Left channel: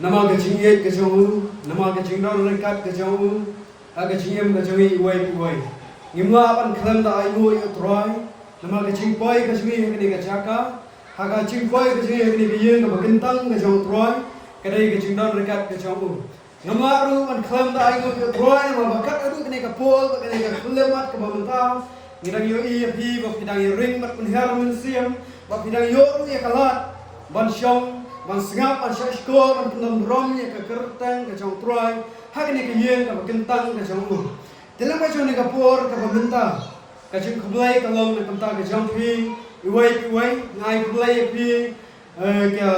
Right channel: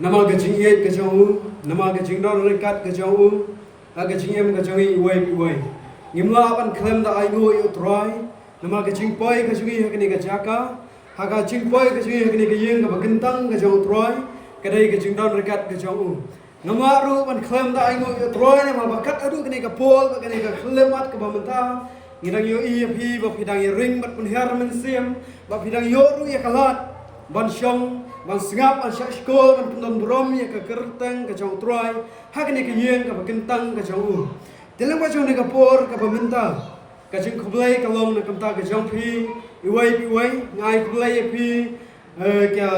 Nama gajing iet gajong nama gajing dor rekat gajong gajing em gajong iwai. Ngimla apan klan da ayo troy nama gajing poi gajong hakni gajaka haga gajing poi gajong hakni gayeng gabagentang gajong troy kadai gajing dor rekat gajong nama ru an klan da ayo troy nama bakat adu kini kapol kini kelemat kabamenta ngidang yo pi bapidang ring bat penhiar mensiam bapidang yo ru ya kalat ban syong ban sengap ban syakol ban penong brom ya ke kertang ke jong troy hakni ke yeng ke kentang ke jong dalam bajong ne kapor ke bamenta ke jing khlai kalong ne kenta ke jong pi iwai ngai khlai pi ke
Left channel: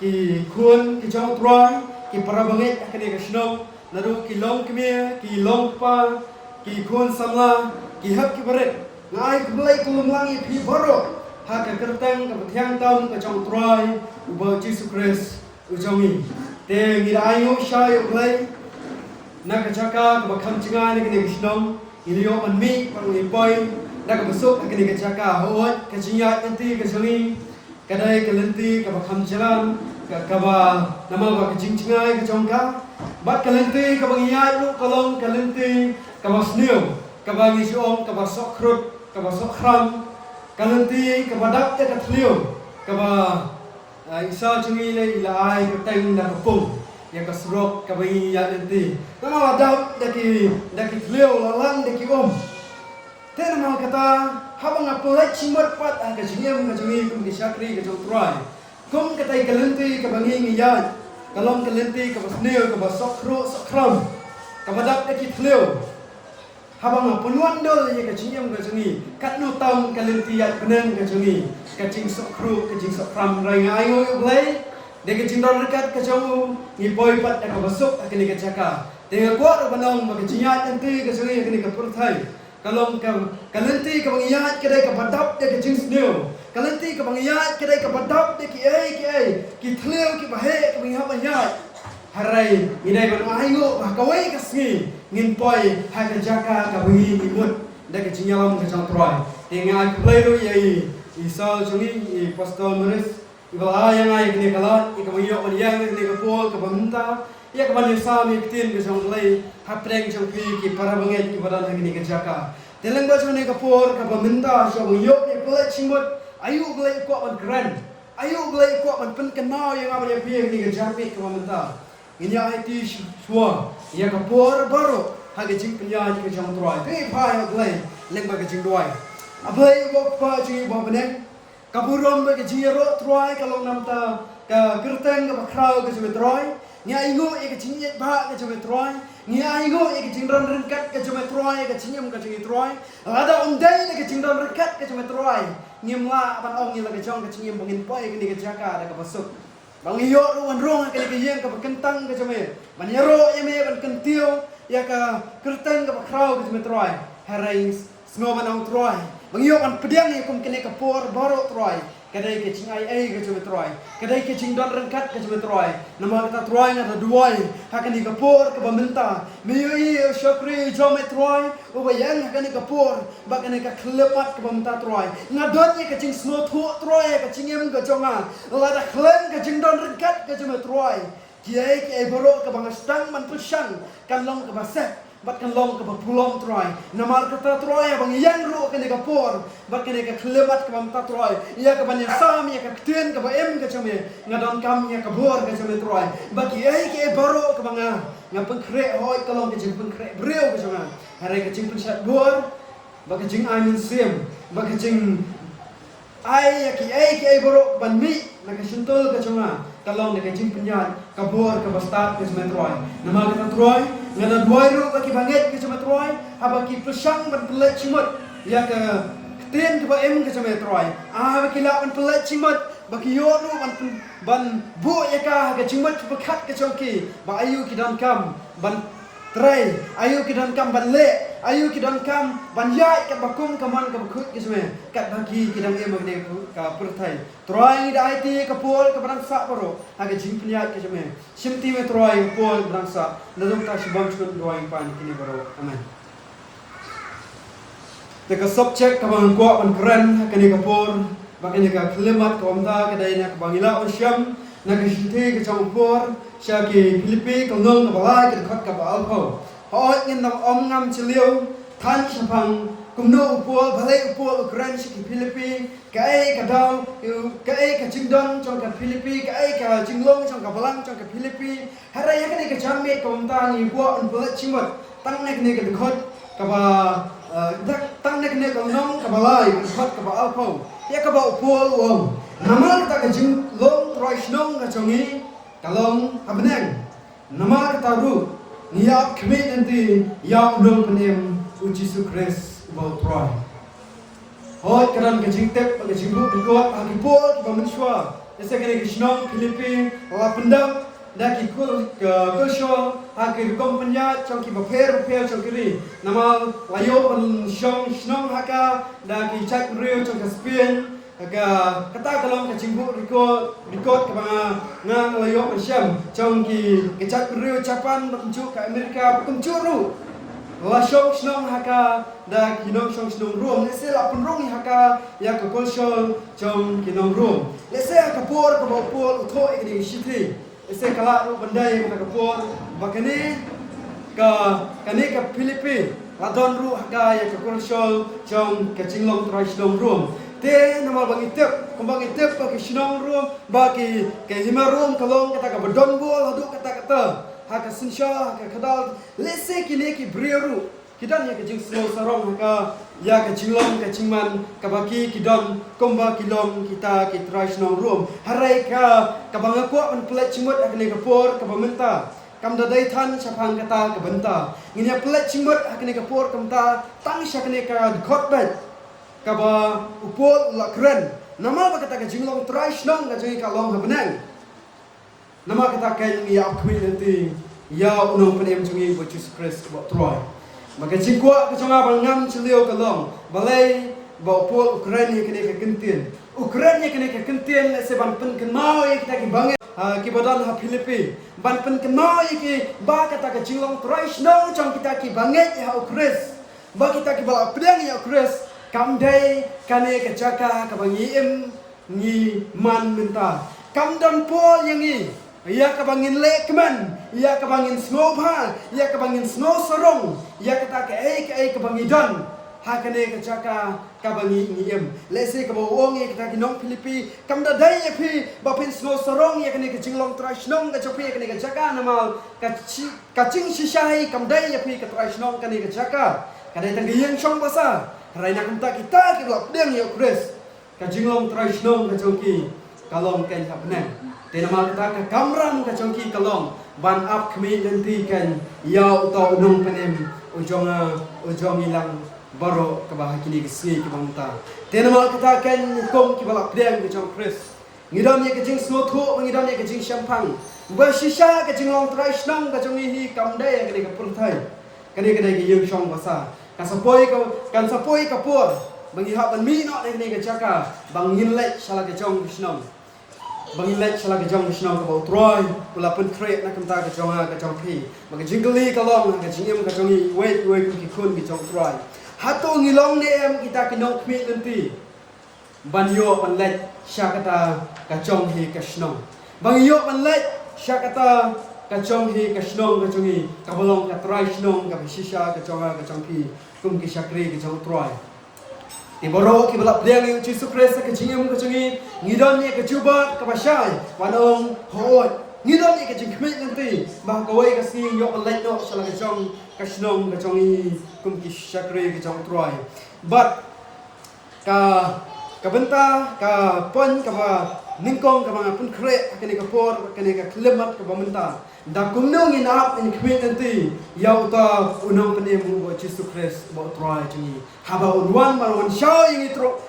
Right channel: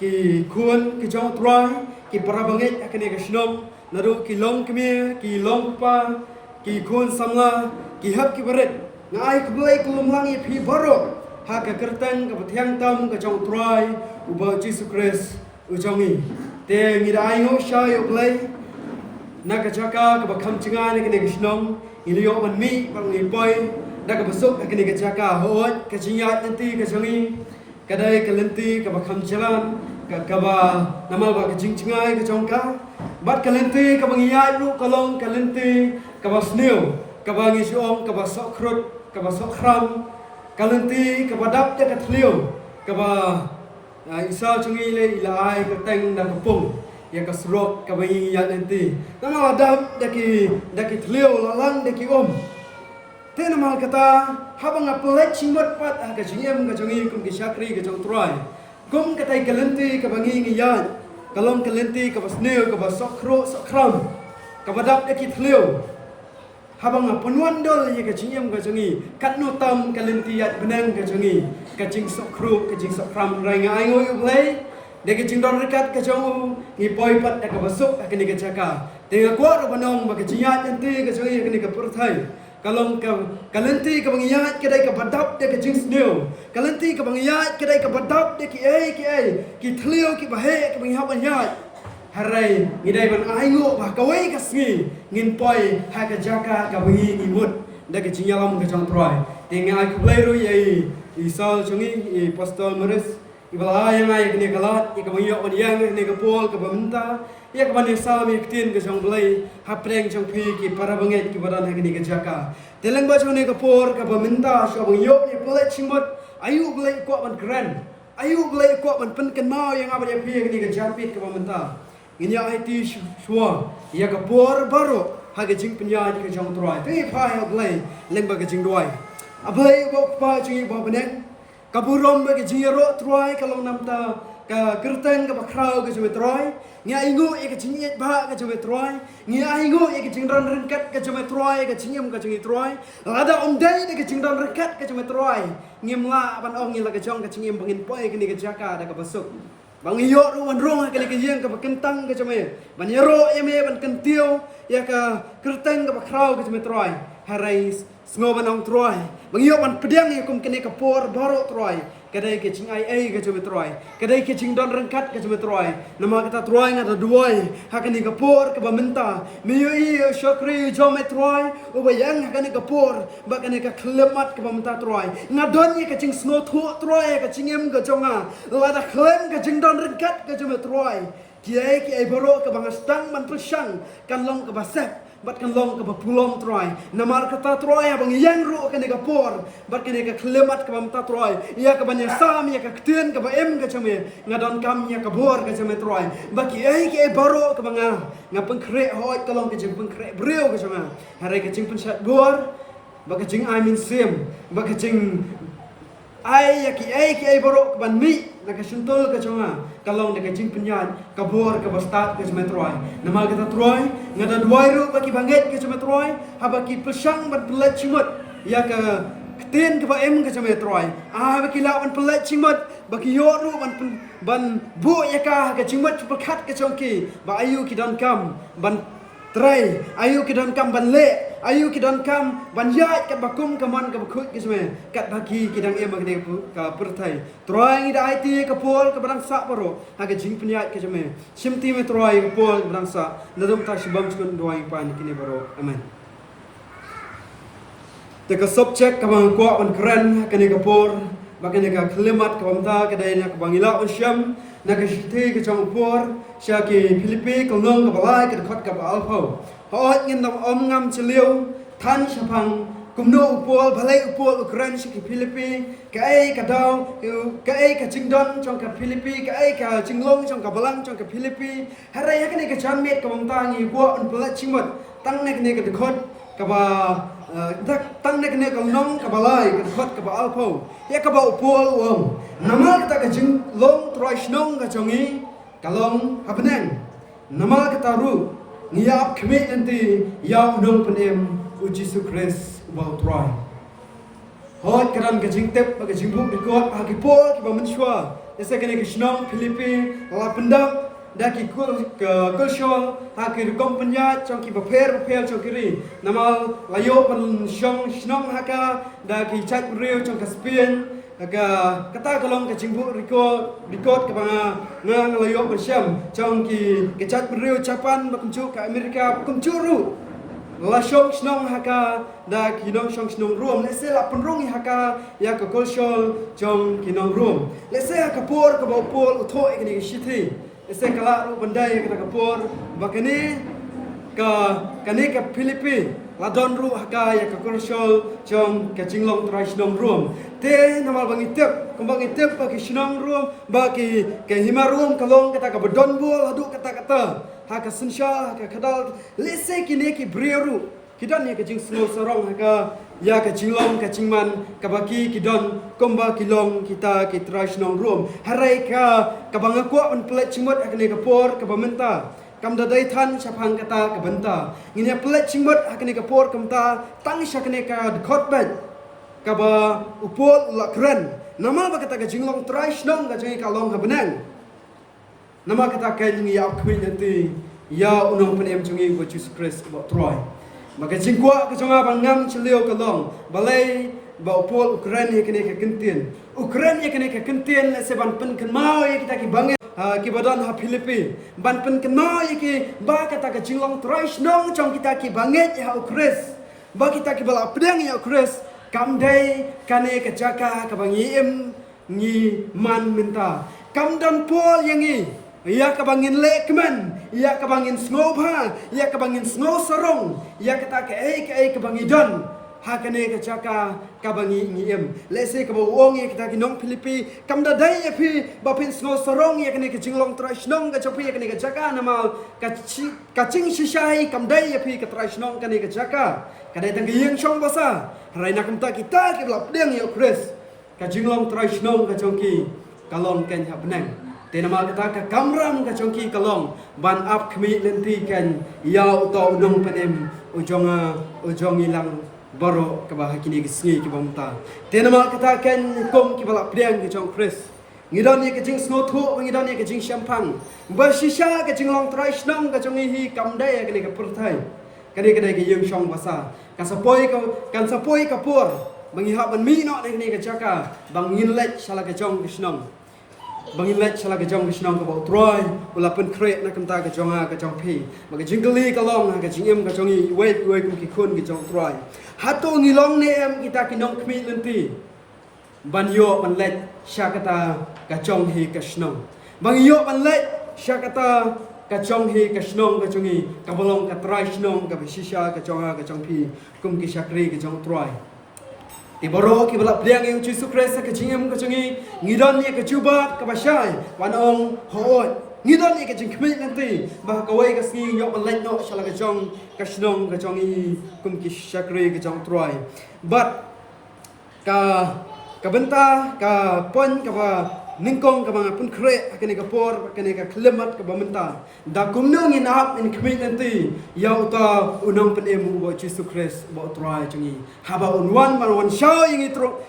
ki kun ke jong troy ki parabanget hakni ke snom naru ki long kemia ki long pa ki kun samla ki hak ki baret ngai khlai kulumlang pi baro ha ke kertang ke thiang tam ke jong troy ubah Jesus Christ ujangi te ngira ayo shayo play naga jaka ke bakam cingai ne kene gisnom ilio man mi pang ipoi naga besuk ke kene jaka hoot ke jingat nanti ke jangi kadai ke lenti ke bakam jalan ke ba namal ba ke jingai ke jongka bat ke lenti ke bangiyat lu kolong ke lenti ke basneu ke bangi siom ke basok krut ke basok khram ke lenti ke badak te ke thlio ke ba isa cungi le ilai kerteng na kapung ya kasrok kabai ya nanti nama adab daki thleu lalang daki te nama kata habang apulai cimot pat ka jingem ka jungi kum ki syakri ka jong troy kum katai kalenti ka bangi ngiyat kalong kalenti ka basneu ka basokro sokram ka badak daki thleu habang apunuan dol ya ka jingem ka jungi katno tam kalenti ya benang ka jungi kacing sokru kacing sokram rai ayo yo play de kacing don rekat kacang ni poi pat ka basuk akini ka jaka de ko ro banong ma kaciyat nanti ka soi akini ka purthai kalong ka kalenti ka bangiyat kedai ka badap de kacing sneu kalenti ka bangiyat kedai ka badap de ki ki thleu ki bahe ka bangihap anyat harai ngidai ban ayo ba kawai ka sngi ngin poi ha ka jaka ka bangi imut de kacing yalam ka jang troy de ngai ku play ro ye Isal cungi pastor meres ibala yang ai kene kalat ikabayo on yang kene kapol kabamenta ya kaban sami tin ke jong glei hapreng jong pi ki para banget ki badan kene ke jaka teleng ba jong ne kapor kabamenta so yo ni glei chimot ayu glei ko ban gran ayu glei ko ban pen ken mau yang abade pi kene ke japi kabamenta ini ai ti suwa ya kapor baru haga jing penya ke jong troy te pa ya glei leng ba ke jing doi abai bok pa ji ba benen kaburon ba ke jiro troy kalong namta ka kerteng ka bakrau ka jwe troy nya ingo e ke jinget ba ka jwe troy nya ingo e ke jingran rengkat ka jwe troy ka jingem ka jwe troy ada dai ke jingran rengkat ka jwe troy ngimla ban ong ngila ka jong ka jingem bangin poi ke jaka da ka basuk bang iyo ruan rong ka ke yeng ka bakentang ka jwe ban yaro eme ban kentio ya ka kerteng ka bakrau ka jwe troy harai sngoban ong troy bangiyo an pedang ya kum kene kapor baro troy kadai ke cing ai ke cuma troy kadai ke cing don rengkat ke cuma troy nama kata troy ngada duai hakan ni kapor ke bamenta miyo i syakri jome troy o bayang hakan ni kapor bakan ni ka klemat ke bamenta troy ngadon ni ke cing sno thu troy ke cingem ke jonga lada klen ke cing don rengkat ke cuma troy kiai baro ke bangastang man pesang kan long ke basah bat kan long ke bapulong troy namar kata troy abang yang ru kan ka por bat kan ka klemat ke bamta troy ya ka ban sam ya ka ktuen ka ba em ka chame ngadon kam ya ka bor ka chame troy baki ai ke baro ka banga ngapeng kre hoi kalong ke jing peng kre breu ka chama harai ka jing pun sat bor baka jing amin sim baka jing ai ya ki ai baro ban mi na ka sentul ka chama kalong na ka jing penyat ka bor ka bastat ka chame troy nama kata troy ngada duai ru baki banget ke cuma troy habaki pesang ban pelat cimot ya ke ten ke ba em ke cuma troy baki la ban pelat cimot baki yo ru ban bu ya ka ke cimot bekat ke chongki ba ayu ki dan kam ban trai ayu ki dan kam ban le ayu ki dan kam ban yai kat bakum kaman ke bakut ke cuma kat baki ki dan em ke ka pertai troy da IT ke pol ke barang sak baro aga jing peniat ke cuma simti me troy ke pol barang sak nadum ta shibam skun doing pan kini baro amen te ka subject ka bang ko ban keren ke ni ke por bakan ka klimat ka bamta ka dai na ka bangila usyam nak shite ke chong por sha ke Philippines kong nong ka balai ke khot ka bal pho hoi ngin nam om ngam chliu than chapang kum no upol bhalai upol Ukraine shi ke Philippines ka ai ka dau ka ai ka jingdon chong ka Philippines ka ai ka jinglong chong ka balang chong ka Philippines harai ka ne ka jamet ka mta ngi bo an bla chimot tang ne ka khot ka ba tang ne ka nong ka balai ka khot ka bal pho ya ka ba upol wong namal ka jinglong troi snong ka chongi kalong habneng namal ka taru ngiap khme nanti yaw nol penem Yesus Kristus ubal troi hoi karan ka jingtep ka jingbu dikot ha kipol ba menshwa ese kene kishnong Philippines la pendap da ki kul ka kushol ha ki kompanya chong ki baper chong kiri namal layo pen shong shnong haka da ki chak reo chong ka Spain aga kata kalong ka jingbu dikot ka ba ngang layo pen sham chong ki chak reo Japan bakumchu ka Amerika bakumchu ru la shong snong haka da kinong shong snong rom lese la penrong haka ya ka kolshol chong kinong rom lese ka por ka bopol utho ini shiti lese kala ru bandai ka por bakane ka Philippines la don ru haka ya ka kolshol chong ka jinglong trai snong rom te namal bangitep kembang itep ka snong rom ba ki hima rom kalong kata ka bodon bol hadu kata haka sensha haka kadal lese kine ki breru kidan ya kajing snow sarong haka ya kajinglong kajingman kabaki kidan komba kilong kita kitrai snong rom harai ka kabanga kwa pen plet chimot akne kapor kabamenta kamda dai than chapang kata kabanta ngine plet chimot akne kapor kamta tang shakne ka khot bet kaba upol lakren nama ba kata kajinglong trai snong kajing kalong habnang nama kata kan ya apui nanti ya unong penem chungi bo Jesus Christ bo troi maka jingkwa ka chonga bangam chlio kalong balai bo pol Ukraine kene ka kintin Ukraine kene ka kintin le se ban pen kan mau ya kita ki bange ki badan ha Philippines ban pen kan mau ya ki ba kata ka jinglong troi snong chong kita ki bange ya Ukres ba kita ki bala pedang ya Ukres kam dai kane ka jaka ka bangi ngi man minta kam dan pol yang ia kabangin lekman, ia kabangin snowpa, ia kabangin snow sarong, ia kata ke kabangin don, hakane kacaka kabangi ngiem, lese kabawong ia kata kinong Philippines, kamda dai api bapin snow sarong ia kane kajinglong trashnong kacopi kane kacaka namal kacing shisai kamdai api katrashnong kane kacaka, kane tanggiyang shong basa, raina kamta kita kidlap deng ya Kris, kajinglong trashnong kacoki kalong ken habneng. Tenamal kata ka kamram ka chongki kalong ban up kmi nanti kan yau to unong penem ujong ilang baro ka bah kini kisi ki bangta tenamal kata kan kom ki bala pdeng ka chong Kris ngidon ye ka jing snow thu ngidon ye ka jing champang ba shisha ka jing long trai snong ka chongi hi kam dai ka ne ka pur thai ka ne ki yung shong basa ka sapoi ka por bangi ha ban mi no ne ka chaka bangin let shala ka chong snong bangilet salah kejong kisnong kabau troi pula pun krek nak kemta kejonga kejong pi maka jingli kalong ka jingem kejongi wait ku kikun kejong troi hatu ngilong ne em kita kinong kmi nanti banyo panlet syakata kejong hi kisnong banyo panlet syakata kejong hi kisnong kejongi kabolong ka troi snong ka shisha kejonga kejong pi kum ki syakri kejong troi Iboro ki balap dia ngi Yesus Kristus ka jingem ka jungi ngidon ni ka jubat ka basai wanong hoot ngidon ni ka jing kmi nanti ba ka wai ka sing yok len no shala ka jong ka snong ka jongi kum ki shakri ka jong troi but ka benta ka pon ka ba ningkong ka mga pun kre akani ka por akani ka klemat ka bamenta da kumno ngi nap in kmi nanti yau ta unong penemu bo Yesus Kristus bo troi jungi haba unwan man shaw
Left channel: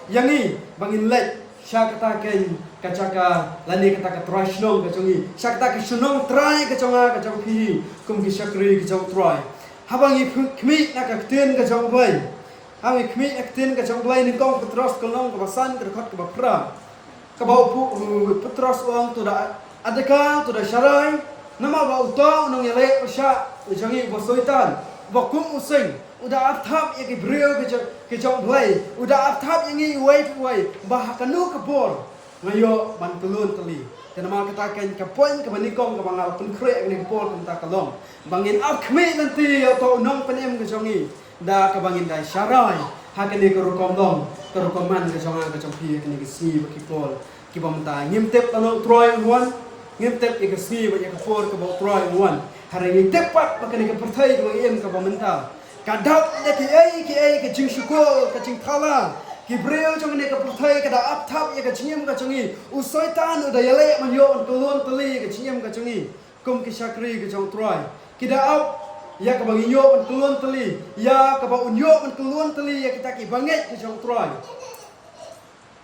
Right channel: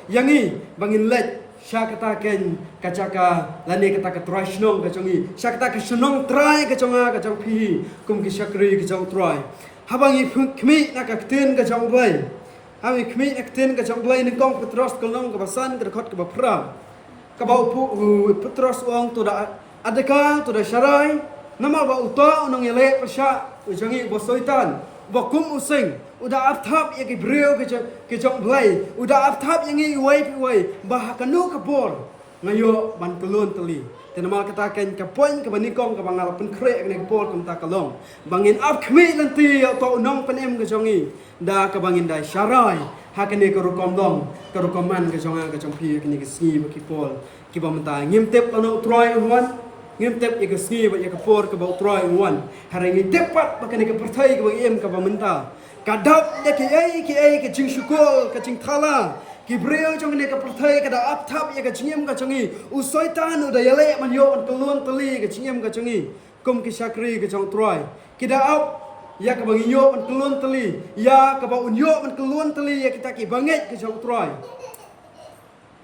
yangi bangin let sya kata ken kacaka lani kata ka troi snong ka jungi sya kata ka snong trai ka jonga ka jong pi kum ki shakri ka jong troi habangi kmi na ka tien ka jong bai hawi kmi ak tien ka jong bai ningkong petros kolong ka basan ka khot ka bapra kabau petros uang tu dah adakah tu dah syarai nama bau uta unang yelek persya jangi bosoitan bokum using udah arthap ya ki brio ke jong blai udah arthap yang ngi wai bah kanu kapor ngayo ban kelun teli Tenama katakan ke poin ke banikong ke bangal pen krek ni pol ke ta kalong. Bangin ap khmi nanti to nong penem ke jongi. Da ke bangin dai syarai. Hakene ke rukom dong. Ke rukoman ke jonga ke jongpi ke ni ke si baki pol. Ki bamta ngim tep lano troy wan. Ngim tep ke si ba ke por ke bau troy wan. Hari ni tepat bakane ke pertai ke em ke bamta. Kadap de ke jing syukul ke jing thala. Kibril jong ni ke pertai ke da ap tap ya ke jingem ke jongi. Usoitan udah yale man yo on keluan teli ke jingem ke jongi. Kum ke syakri ke jong troy. Kita ap ya ke bangi yo on keluan teli. Ya ke bau yo on keluan teli ya kita ki banget ke jong troy.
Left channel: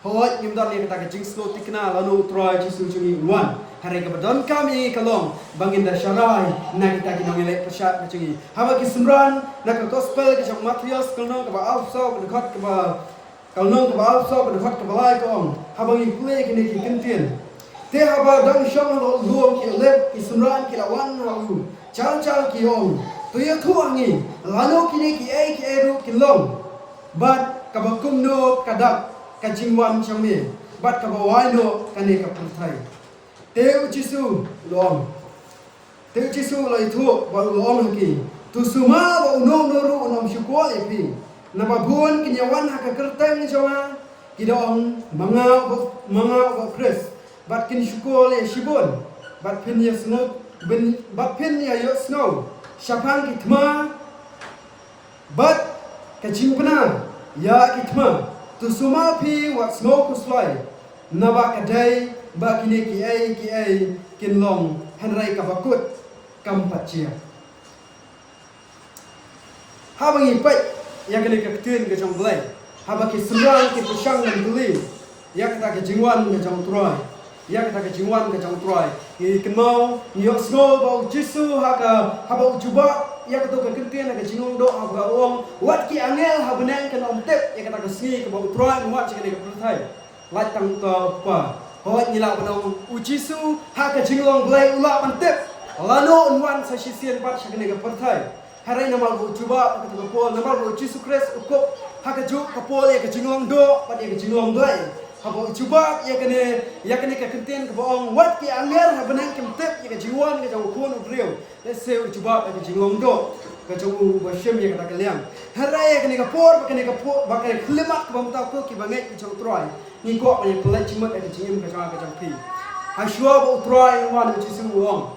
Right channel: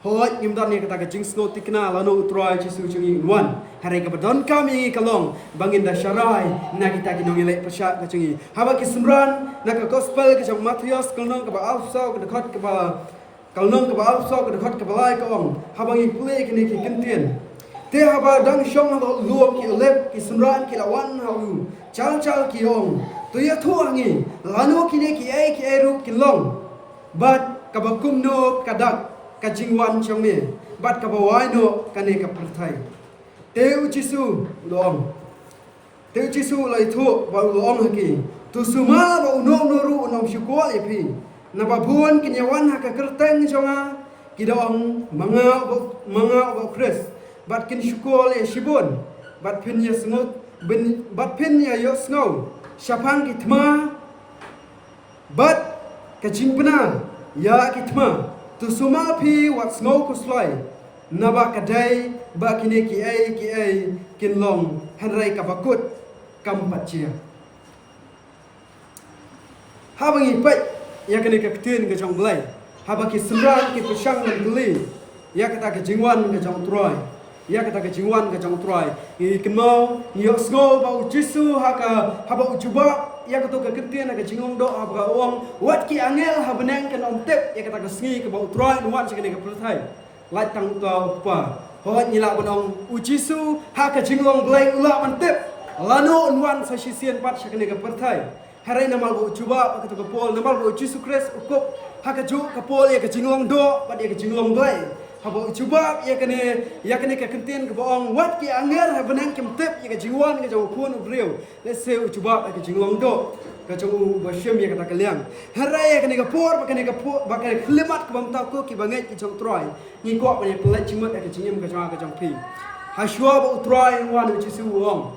Hoi ngimdan ni kata ke jing snow tikna lanu troy jisu jongi wan. Hari ke badon kami kalong bangin da syarai na kita ki nong yale pesat ke jongi. Haba ki semran na ke gospel ke jong Matius kalong ke ba alsa ke dekat ke ba kalau nong ke bawah so ke dekat ke balai ke ong, habang ikuli kini ki kentien. Te haba dang syong luang ki lep ki semran ki lawan halu, cal ki ong. Tu ya tu angi, lano kini ki ru ki long. Bat kabakum no kadak kajingwan syong ni, bat kabawai no kani ka pertai. Te ucisu long. Te ucisu lai tu ba long ki. Tu suma ba unong noru unong syukur epi. Nababun kinyawan haka kerteng jonga kidong mga Chris bat kin syukol e shibun bat pin ya snot bat pin ya yo snow syapang kitma bat kajimpna ya kitma tu sumal pi wat snow kuslai naba kadai ba kini ki ai kin long hanrai kabakut kampachia habangi pai ya kena keketin ke jong belai haba ki semrang ki pusang dan beli ya kata ke jingwan ke jong troy ya kata ke jingwan ke jong troy i kemau nyok snow bau jisu haka haba ujuba ya kata ke keketin ke jingong do haba ong wat ki angel habenang ke nom tep ya kata ke singi ke bau troy nuat kena ke pertai lai tang to pa hot nyila banong ujisu haka jinglong belai ula mantep lano unwan sa sisian pat kena ke pertai hari nama lu cuba kata kapol nama lu Yesus Kristus ukup hak ju kapol ya ke jinglong do pada ya ke jinglong doi haba cuba ya kene ke kentien ke boong wat ki anger ha benang kem tep ya ke jiwan ke jauh kun ubriu let's say cuba ya ke jinglong do ke jauh basyem ya kata kaliang hari ya kene kapor bakal klimat ke bamta ko ki banget ki jauh troy ni ko pa ya pelat cimat ya ke jingem ke jauh pi haswa ba troy wan Yesus uong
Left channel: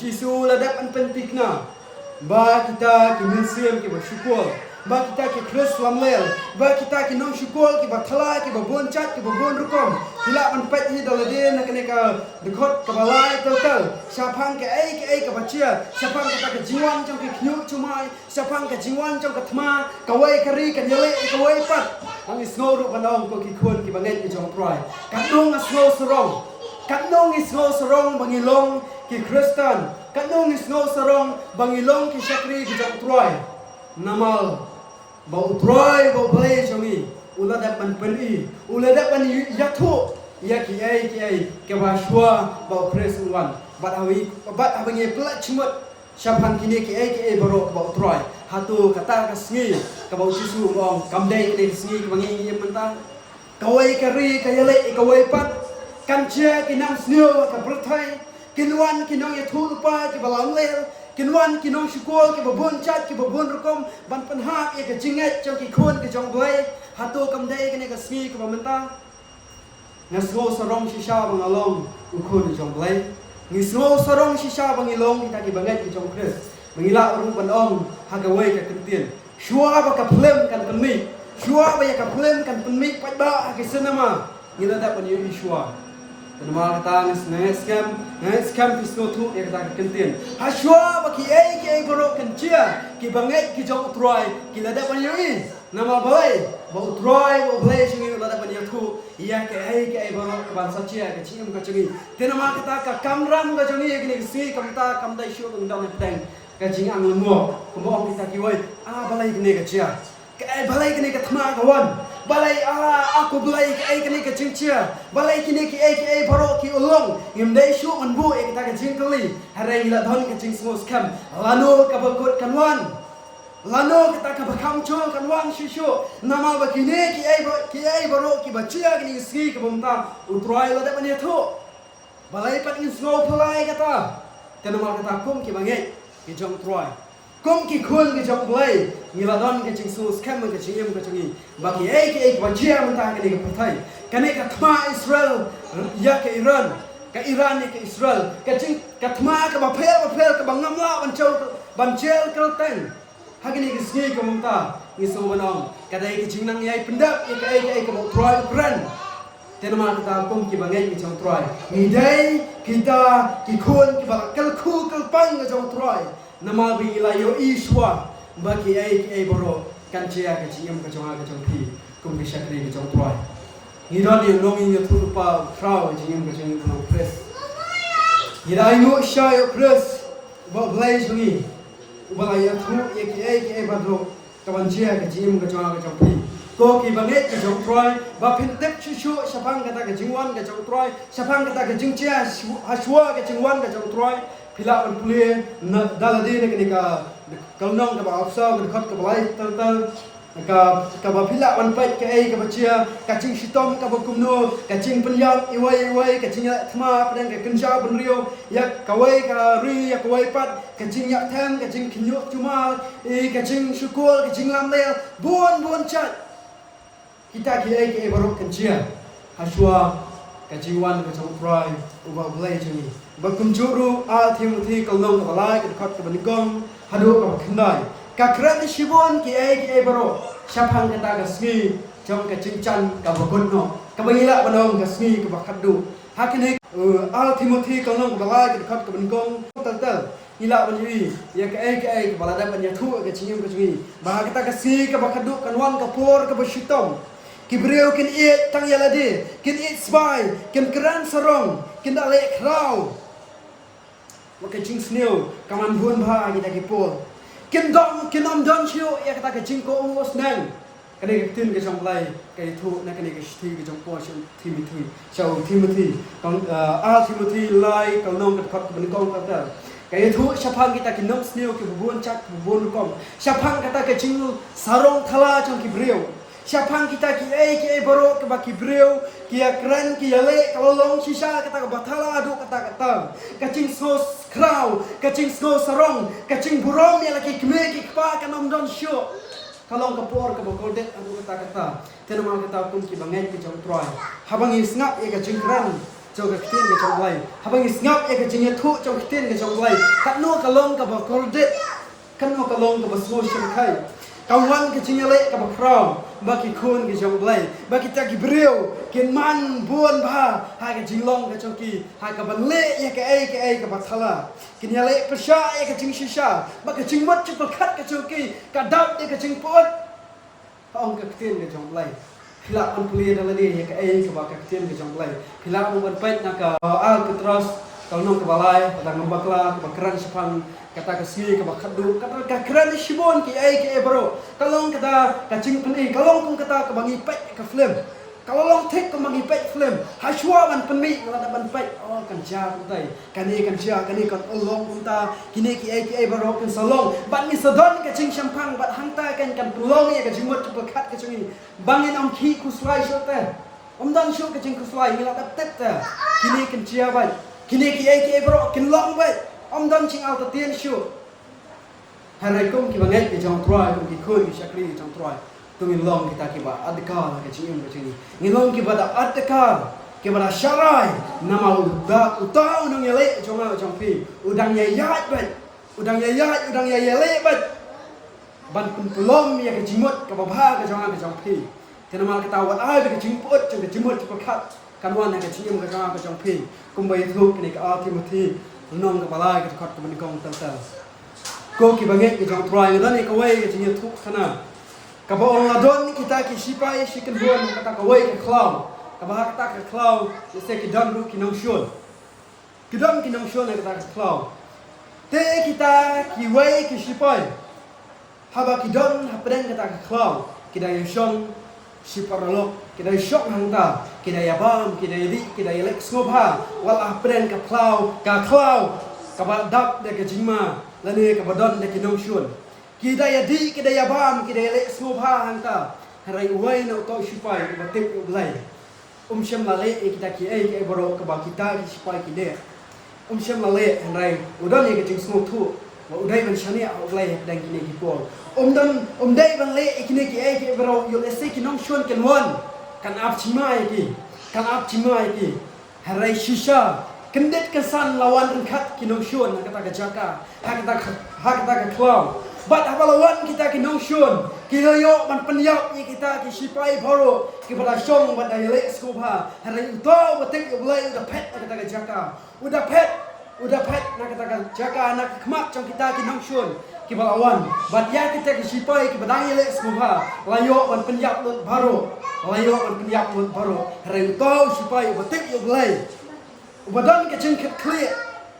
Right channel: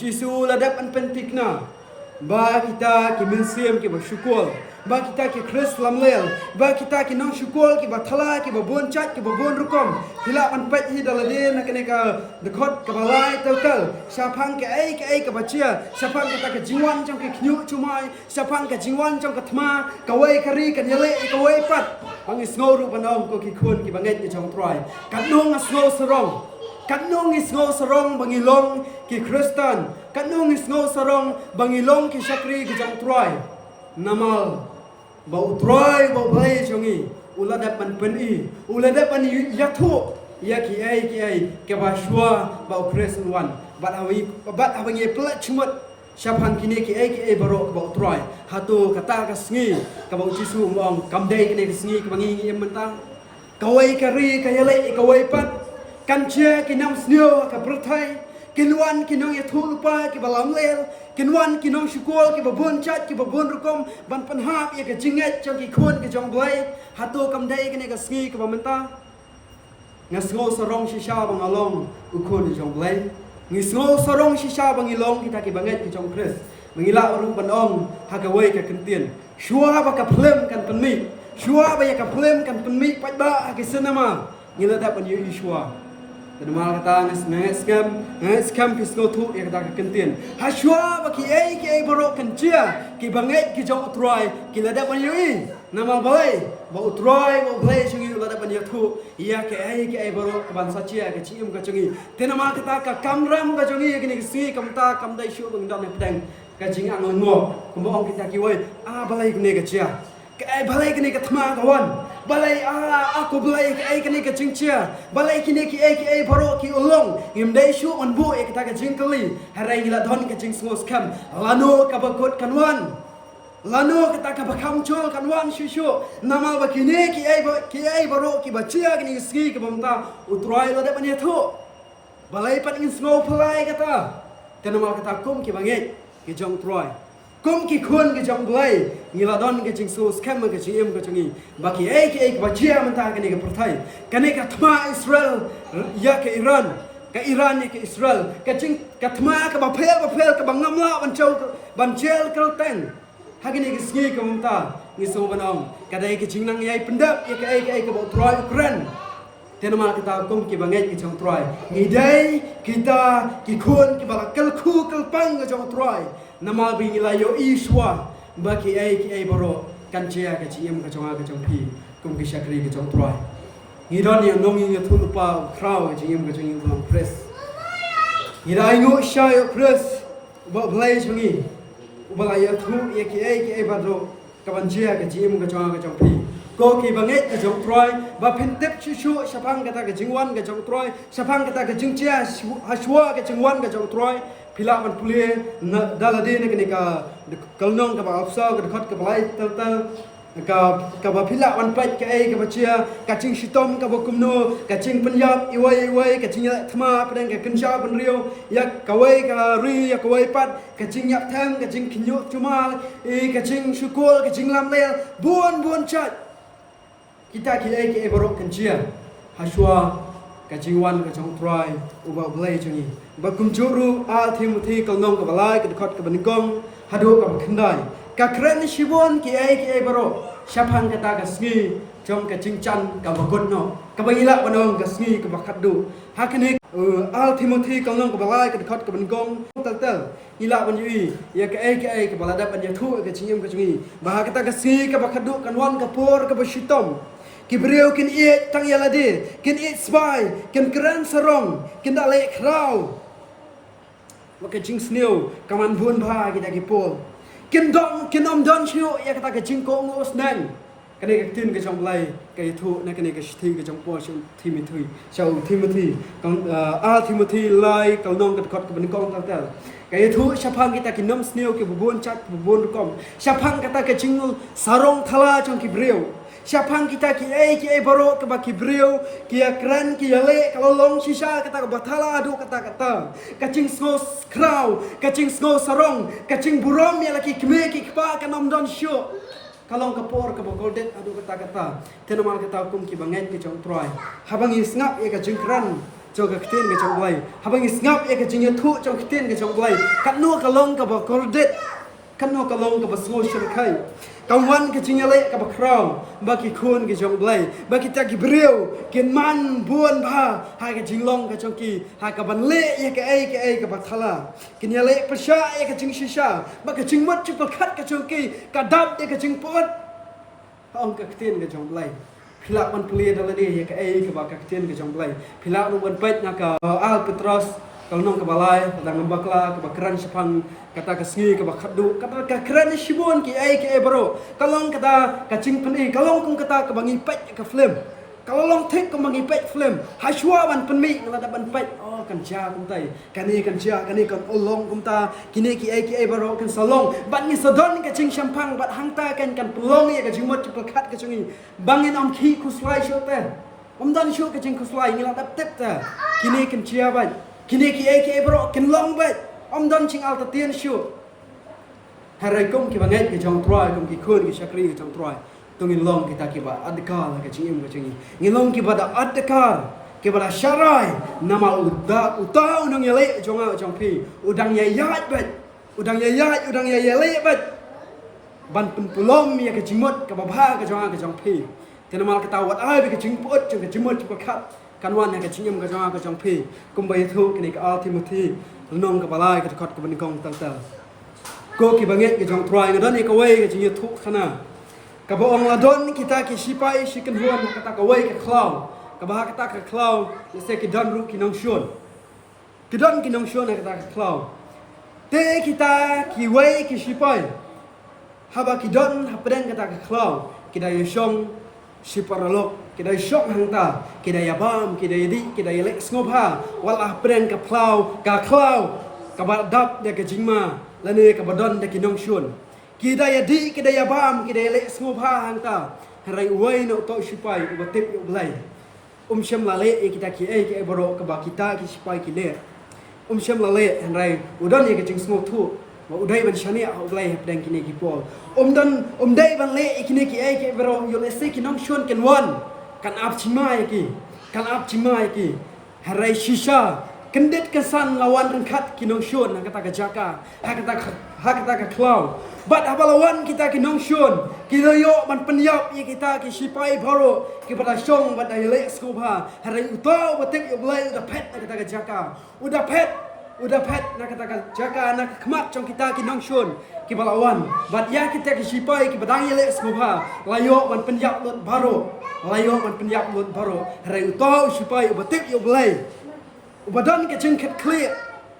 Yesus ladap an pentikna ba kita ki mensiam ki bersyukur ba kita ki Chris lamlel ba kita ki nong syukur ki bathala ki babon chat ki babon rukom hila an pet hi daladin nak ne ka dekot ka balai tel sapang ke ai ka bachia sapang ka ka jiwan trong ki khyu chumai sapang ka jiwan trong ka thma ka wai kari ka yele ka wai pat ang snow ru banong ko ki khon ki banget ki trong troy ka nong snow sarong kanong isno sarong bangilong ki Kristen kanong isno sarong bangilong ki syakri ki jong troy namal bau troy bau play jongi ulada pan peni ulada pan yathu ya ki ai ke baswa bau Kristen wan bat awi plek chmut syaphan kini ki ai baro bau troy hatu kata ka sngi ka bau jisu ngong kamdai ki sngi ki bangi mentang kawai kari kayale kawai pat kanche kinong snio ka pertai kinwan kinong ya thulpa ki balam lel kinwan kinong syukul ki babun chat ki babun rukom ban panha ya ka jinget cho ki khun ki jong boy hatu kamdai kene ka sngi ka bamenta ngasgo sorong shisha bang along ukun ki jong boy ngisgo sorong shisha bang ilong kita ki banget ki jong Chris mengila orang panong hagawai ka kentien shua ba ka plem kan penmi shua ba ya ka plem kan penmi pada ki senama ngila dapat yu shua Nama kata ngeskam kisno tu ya kata kentien. Haswa baki ai borok kencia ki banget ki jong troy ki lada pan yui. Nama boy bau troy bau play sungi lada pan tu iya ke ai borok bangsa cia ke cium ka cungi. Te nama kata ka kamram ka cungi kini si kamta kamdai syu tung dam pedang ka jing angon mo. Kembang kita ki woi balai kini ka cia. Ke balai kini ka thma kawan. Balai aku balai ke kini ke cincia balai kini ki ai baro ki ulong ngimdai shu on bu kita ke jingkeli harai gila don ke jing smos kam lano ka bakot kanwan lano kita ka bakam chul kanwan shishu nama bakini ki ai baro ki bachia kini ski ke bamta utrai lo da panya thu balai pat ingin slow pelai kata tenamal kata kum ki bangai ki jong troy kum ki khun ki jong blai ngiladon ki jing so scam ki jing em ki jing baki ki bajia mentah ki perthai kane ka thma Israel ya ke Iran ka Iran ni ke Israel ka jing ka thma ka ba phel ka bangam la ban chel kel ten hagini ki sgi ka mumta ni so manong ka dai ki jing nang yai pendap ki ka ba troy kren tenamal kata kum ki bangai ki jong troy ni dai kita ki khun ki ba kel khu kel pang ki jong troy namal bi ilayo iswa baki ki boro kan chia ka chiem ka chonga ka chongpi kum ki shakri ka chong troy hiran ye nong ye thu pa khraw chiem ka chong kum press hirai nu shay press ba blai chungi ubala ye thu ye ki badro ka ban chia ka chiem ka chonga ka chongpi ko ki banget ka chong troy ba phintep chu chu sapang ka ta ka jingwan ka chong troy sapang ka ta ka jingchia haswa ka jingwan ka chong troy pila ban pule na dalade na kenika kalnong ka ba afsa ka khot ka balai tal ka ba pila ban pai ka ai ka bachia ka ching sitom ka ba kumno ka ching penyam iwai ka ching thma pren ka kenja ban rio ya ka wai ka ri ya ka wai pat ka ching yak tham ka ching kinyo cuma ka ching syukul ka ching lam le bon chat kita ki borok kenjia haswa ka jiwan ka chong trai uba blai changi bakum juru al Timothy kalnong ka balai ka khot ka banigong hadu ka khandai ka kran shibon ki baro shapang ka ta ka sngi chong ka chingchan ka bagun no ka bayila banong ka sngi ka bakhadu hakane al Timothy kalnong ka balai ka khot ka banigong tal ila banyi ya ka balada ban ya thu ka chingem ka chingi ba ka ta ka sngi ka bakhadu kanwan ka por ka basitom Kibreu kin iet tang yalade, kin iet sbai, kin keran sarong, kin dale krau. Maka jing sneu, kaman buan bha kita kipol. Kin om don chiu, ya kata ke jing ko us nan. Kane tin ke jong blai, ke thu na kane ke thi ke jong po shong Timothy. So Timothy, kong Timothy lai kong nong kat khot ke ben kong tal. Ke thu sapang kita kin nom sneu ke buan chat buan kom. Sapang kata ke jing sarong thala jong kibreu. Siapang kita ki baro ke baki breu ki kran ki le kalau long sisa kata batala adu kata kacing sos krau kacing sos sarong kacing burong ya laki kme ki kpa kanom don syo kalong kapor ke bokoldet adu kata tenamal kata kum ki bangen ki jong troy habang isngap e kacing kran jong katin ke jong blai habang isngap e kacing thu jong katin ke jong blai katno kalong ke bokoldet katno kalong ke basmo shirkai kawan kecing le ka bakrong baki khun ke jong blai baki ta ki breu ken man buan bha ha ke jinglong ka chongki ha ka ban le ya ke ai ka bathala ken ya le pasha ya ke jing shisha baki jing mat chu khat ka chongki ka dap ya ke jing pot ong ka tin ke jong blai phila ban pli dal ni ya ke ai ka ba ka tin ke jong blai phila ban pet na ka al petros kalau nong kebalai kadang lembakla kebakaran sepang kata kasih kebakadu kata kekeren shibon ki bro kalau kata kacing peni kalau pun kata kebangi pet ke film kalau long tek kebangi pet film haswa ban peni kalau ada ban pet oh kan ja kuntai kani kan ja kani kan ulong kunta kini ki bro kan salong ban ni sadon kacing sampang bat hangta kan pulong ni kacing mot cepat kacing bangin om ki kuslai shote om dan shu kacing kuslai ni ada tep ta kini kan ja ban kini ki bro kin long bet om don ching al tatien shu harai kum ki bangai ki jong troy kum ki khun ki shakri ki jong troy tungin long kita ki ba adkar ka chim ka chingi ngilong ki ba da adkar ki ba da sharai namal utau nong yele jonga jong pi udang ye yat bet udang ye yele bet ban pun pulom ya ka jimot ka ba bha ka jonga ka jong pi kenamal kita wat ai bi ka ching put ka jimot ka khat kanwan ka chingem ka jonga ka jong pi kum bai thu ki ka Timothy nong ka balai ka khot ka ban kong tal ko ki banget ki jong troy ngan ni ka wei ka ching thu khana ka ba ong ladon kita ki sipai sikan huan kata ka wei ka klau ka ba kata ka klau se ki don ru ki nong shon ki don ki nong shon kata ka klau te kita ki wei ki sipai haba ki don hapren kata ka klau ki da yong siparalok kita shop hangta kita yabam kita yadi kita yelek snobha walah pren ka klau ka badap de ka jingma lani ka badon de kinong shun kita yadi kita yabam kita yelek snobha hangta harai uai no to sipai ubatik ublai Syam lale kita ki boro ka ba kita ki sipai ki le Syam lale hanrai udan ye ke jing smok thu wa udai ban shani au blai dang kini ki pol dai ban le kini ki boro yo le se ki nong shon ken wan kan ap chimai ki harai shisha kendet kesan lawan engkat ki nong shon na kata ka jaka kata ka klau bat apa lawan kita ki nong shon kita yo ban penyap ye kita ki sipai boro ki pada shong bat ai le skopa harai utau batik yo blai udah pet kata ka jaka udah pet nak kata jaga anak kemak trong kita ki nong shun ki balawan bat ya kita ki sipai ki badangi le skopa layo ban penjap lut baro harai tau sipai batik yo blai ubadan ke jeng ket kle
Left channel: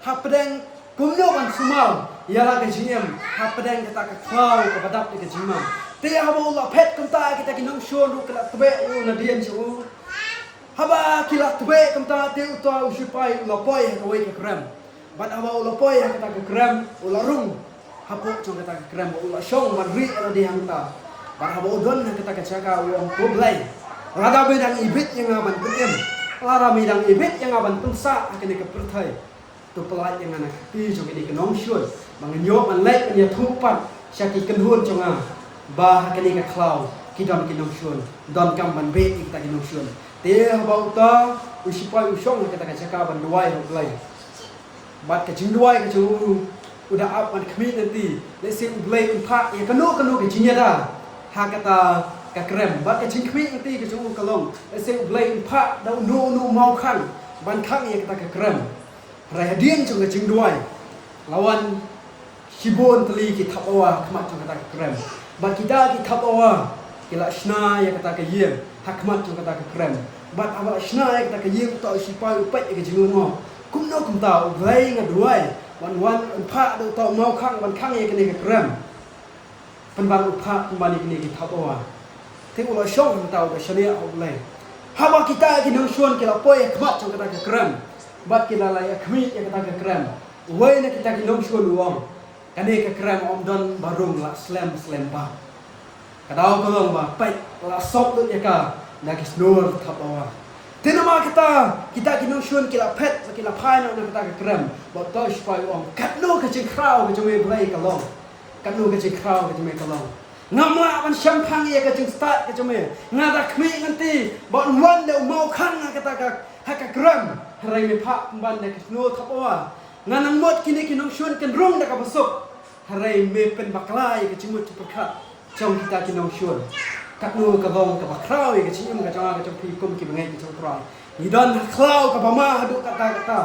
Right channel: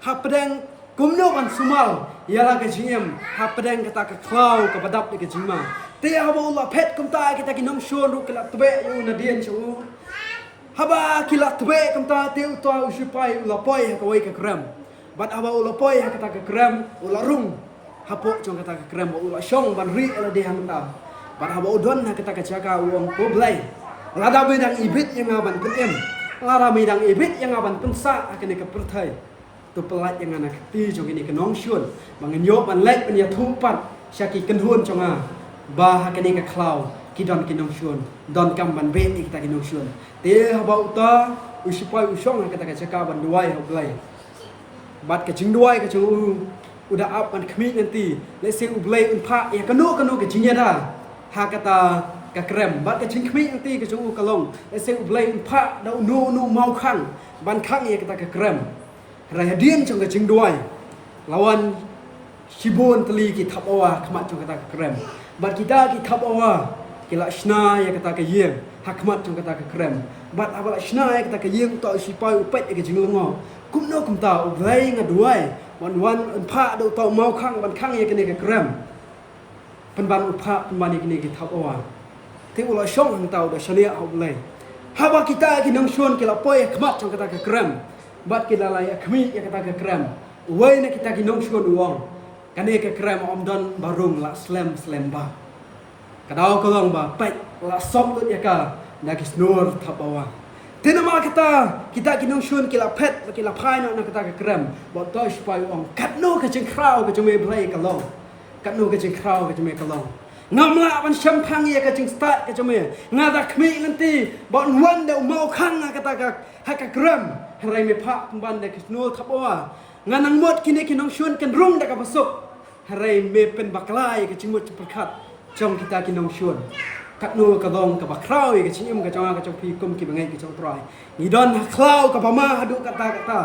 ha pedang gumno ban sumal yala ke jiem ha pedang kata ka klau ka badap ke jima ti abo la pet kumta kita ki nong shun ru kala tbe yo na dien chu haba kila tbe kumta te utau sipai la poi ka wei ka kram bat aba ulo poi kata ke gram ulo rung hapo chong kata ke gram ulo shong ban ri ro di hangta bat aba udon kata ke jaga ulo poblai rada bidang ibit yang aban penem lara bidang ibit yang aban pensa akene ke perthai tu pelat yang anak ti chong ini ke nong shun mangen yo ban lek pen ya thupat syaki kenhun chong a ba akene ke klau kidon ke nong shun don kam ban be kita ke nong shun te aba uta usipai usong kata ke jaga ban duai hoblai bat ke jing duai ke chu udah up an kemit nanti let's say ublai unpa ya kanu ke jingnya dah ha kata ka krem bat ke jing kemit nanti ke chu kalong let's say ublai unpa da nu mau khang ban khang ya kata ka krem rahadian chung ke jing duai lawan sibon teli ki thapawa khmat chung kata ka krem bat kita ki thapawa kila shna ya kata ka yeng ha khmat chung kata ka krem bat aba shna ya kata ka yeng to sipai upet ke jing ngo kum no kum tau glai nga duai wan pha do tau mau khang ban khang ye kene ka gram pan ban upha ban kene ki thapawa ti ulo shong hang tau da shania au blai hawa kita ki nang shon ki la poi khmat chang kata ka gram bat ki la ya khmi ya kata ka gram wai na kita ki nang shon wong kane ka gram om don barung la slam ba kadau kolong ba pai la sok lut ya ka na ki snor thapawa Tenama kita kinong shun kila pet kila pai no na kita ka gram bot to spai ong kat no ka jing krau ka jome blai ka long kat no ka jing krau ka jome ka long ngama ban sham phang ye ka jing start ka jome ngada khmi nganti bot wan de mau khang na kata ka ha ka gram harai me pha ban de kisno thapawa nganang mot kini kinong shun kan rung da ka basuk harai me pen baklai ka jing mot perkhat chong kita kinong shun kat nu ka dong ka bakrau ka chim ka chong ka chong pi kum ki bangai ki chong trai ni don klau ka bama hadu kata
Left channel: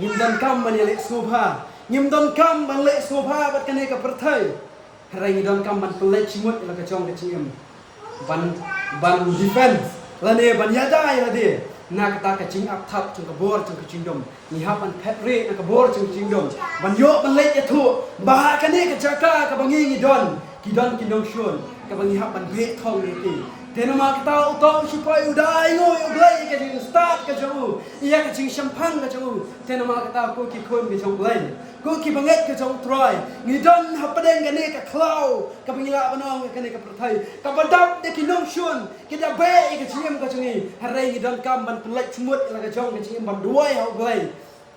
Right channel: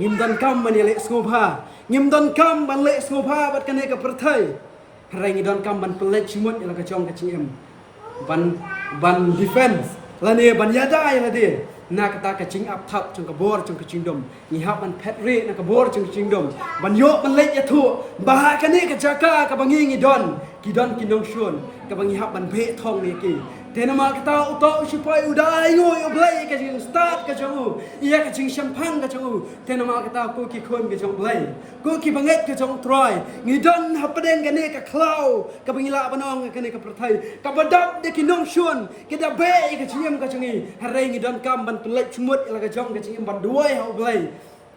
ngim don kam ban le skopa ngim don kam ban le skopa bat kane ka perthai harai ni don kam ban pelet chimut la ka chong ka chim ban defense la ne ban yadai la de na kata ka ching up thap chong ka bor chong ka chingdom ni ha ban phet re na ka bor chong chingdom ban yo ban le ya thu ba kane ka jaka ka bangi ni don ki nong shun ka bangi hap ban be thong ye ki tenama kita uto sipai udai yo blai ka jing start ka chu iya ka jing champagne ka chu tenama kita ko ki khon ka jong blai ko ki banget ka jong try ngi don hap den ka ne ka klau ka bangi la banong ka ne ka prathai ka badap de ki nong shun ki da be ka jim ka chungi harai ngi don kam ban pelek chmut la ka jong ka jing ban duai ha blai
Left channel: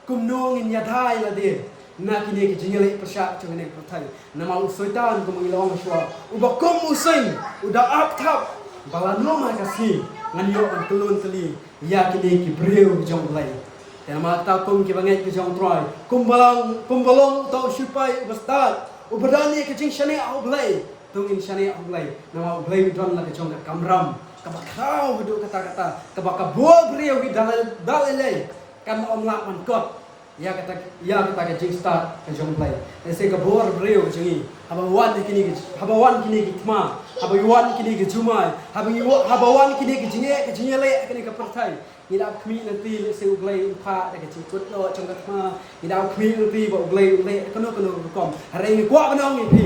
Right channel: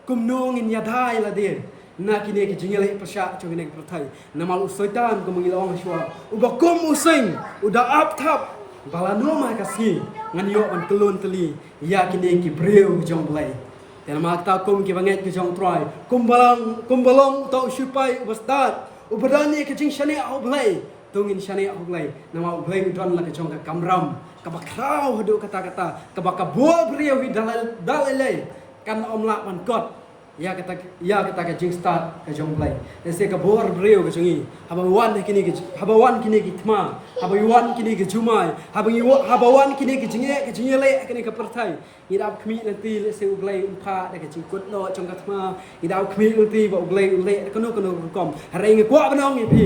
kum no ngin ya thai la de na kini ke jingale pasha chung ne prathai nama usoitan ko mangilong shwa ubakum using uda up thap balanu ma kasi nganyo an kelun teli ya kini ki breu jong blai tema ta kum ki banget ki jong troy kumbalong to shupai ubastat ubadani ke jing shane au blai tungin shane au blai nama blai don la ke jong ka kamram ka bakrau hadu kata ka bakabo breu wi dalale kan om la man kot ya kita ke jing start ke jong play se ka bor breu ke jingi haba wan kini ke tma haba wan kini ke jumai haba wan kini ke jinge le kini ke perthai ni dap khmi nanti se uglai in pha de ke jing kut lo jong ka tma ni dap khmi nanti ba uglai kono kom hare nge kwa banong ni pi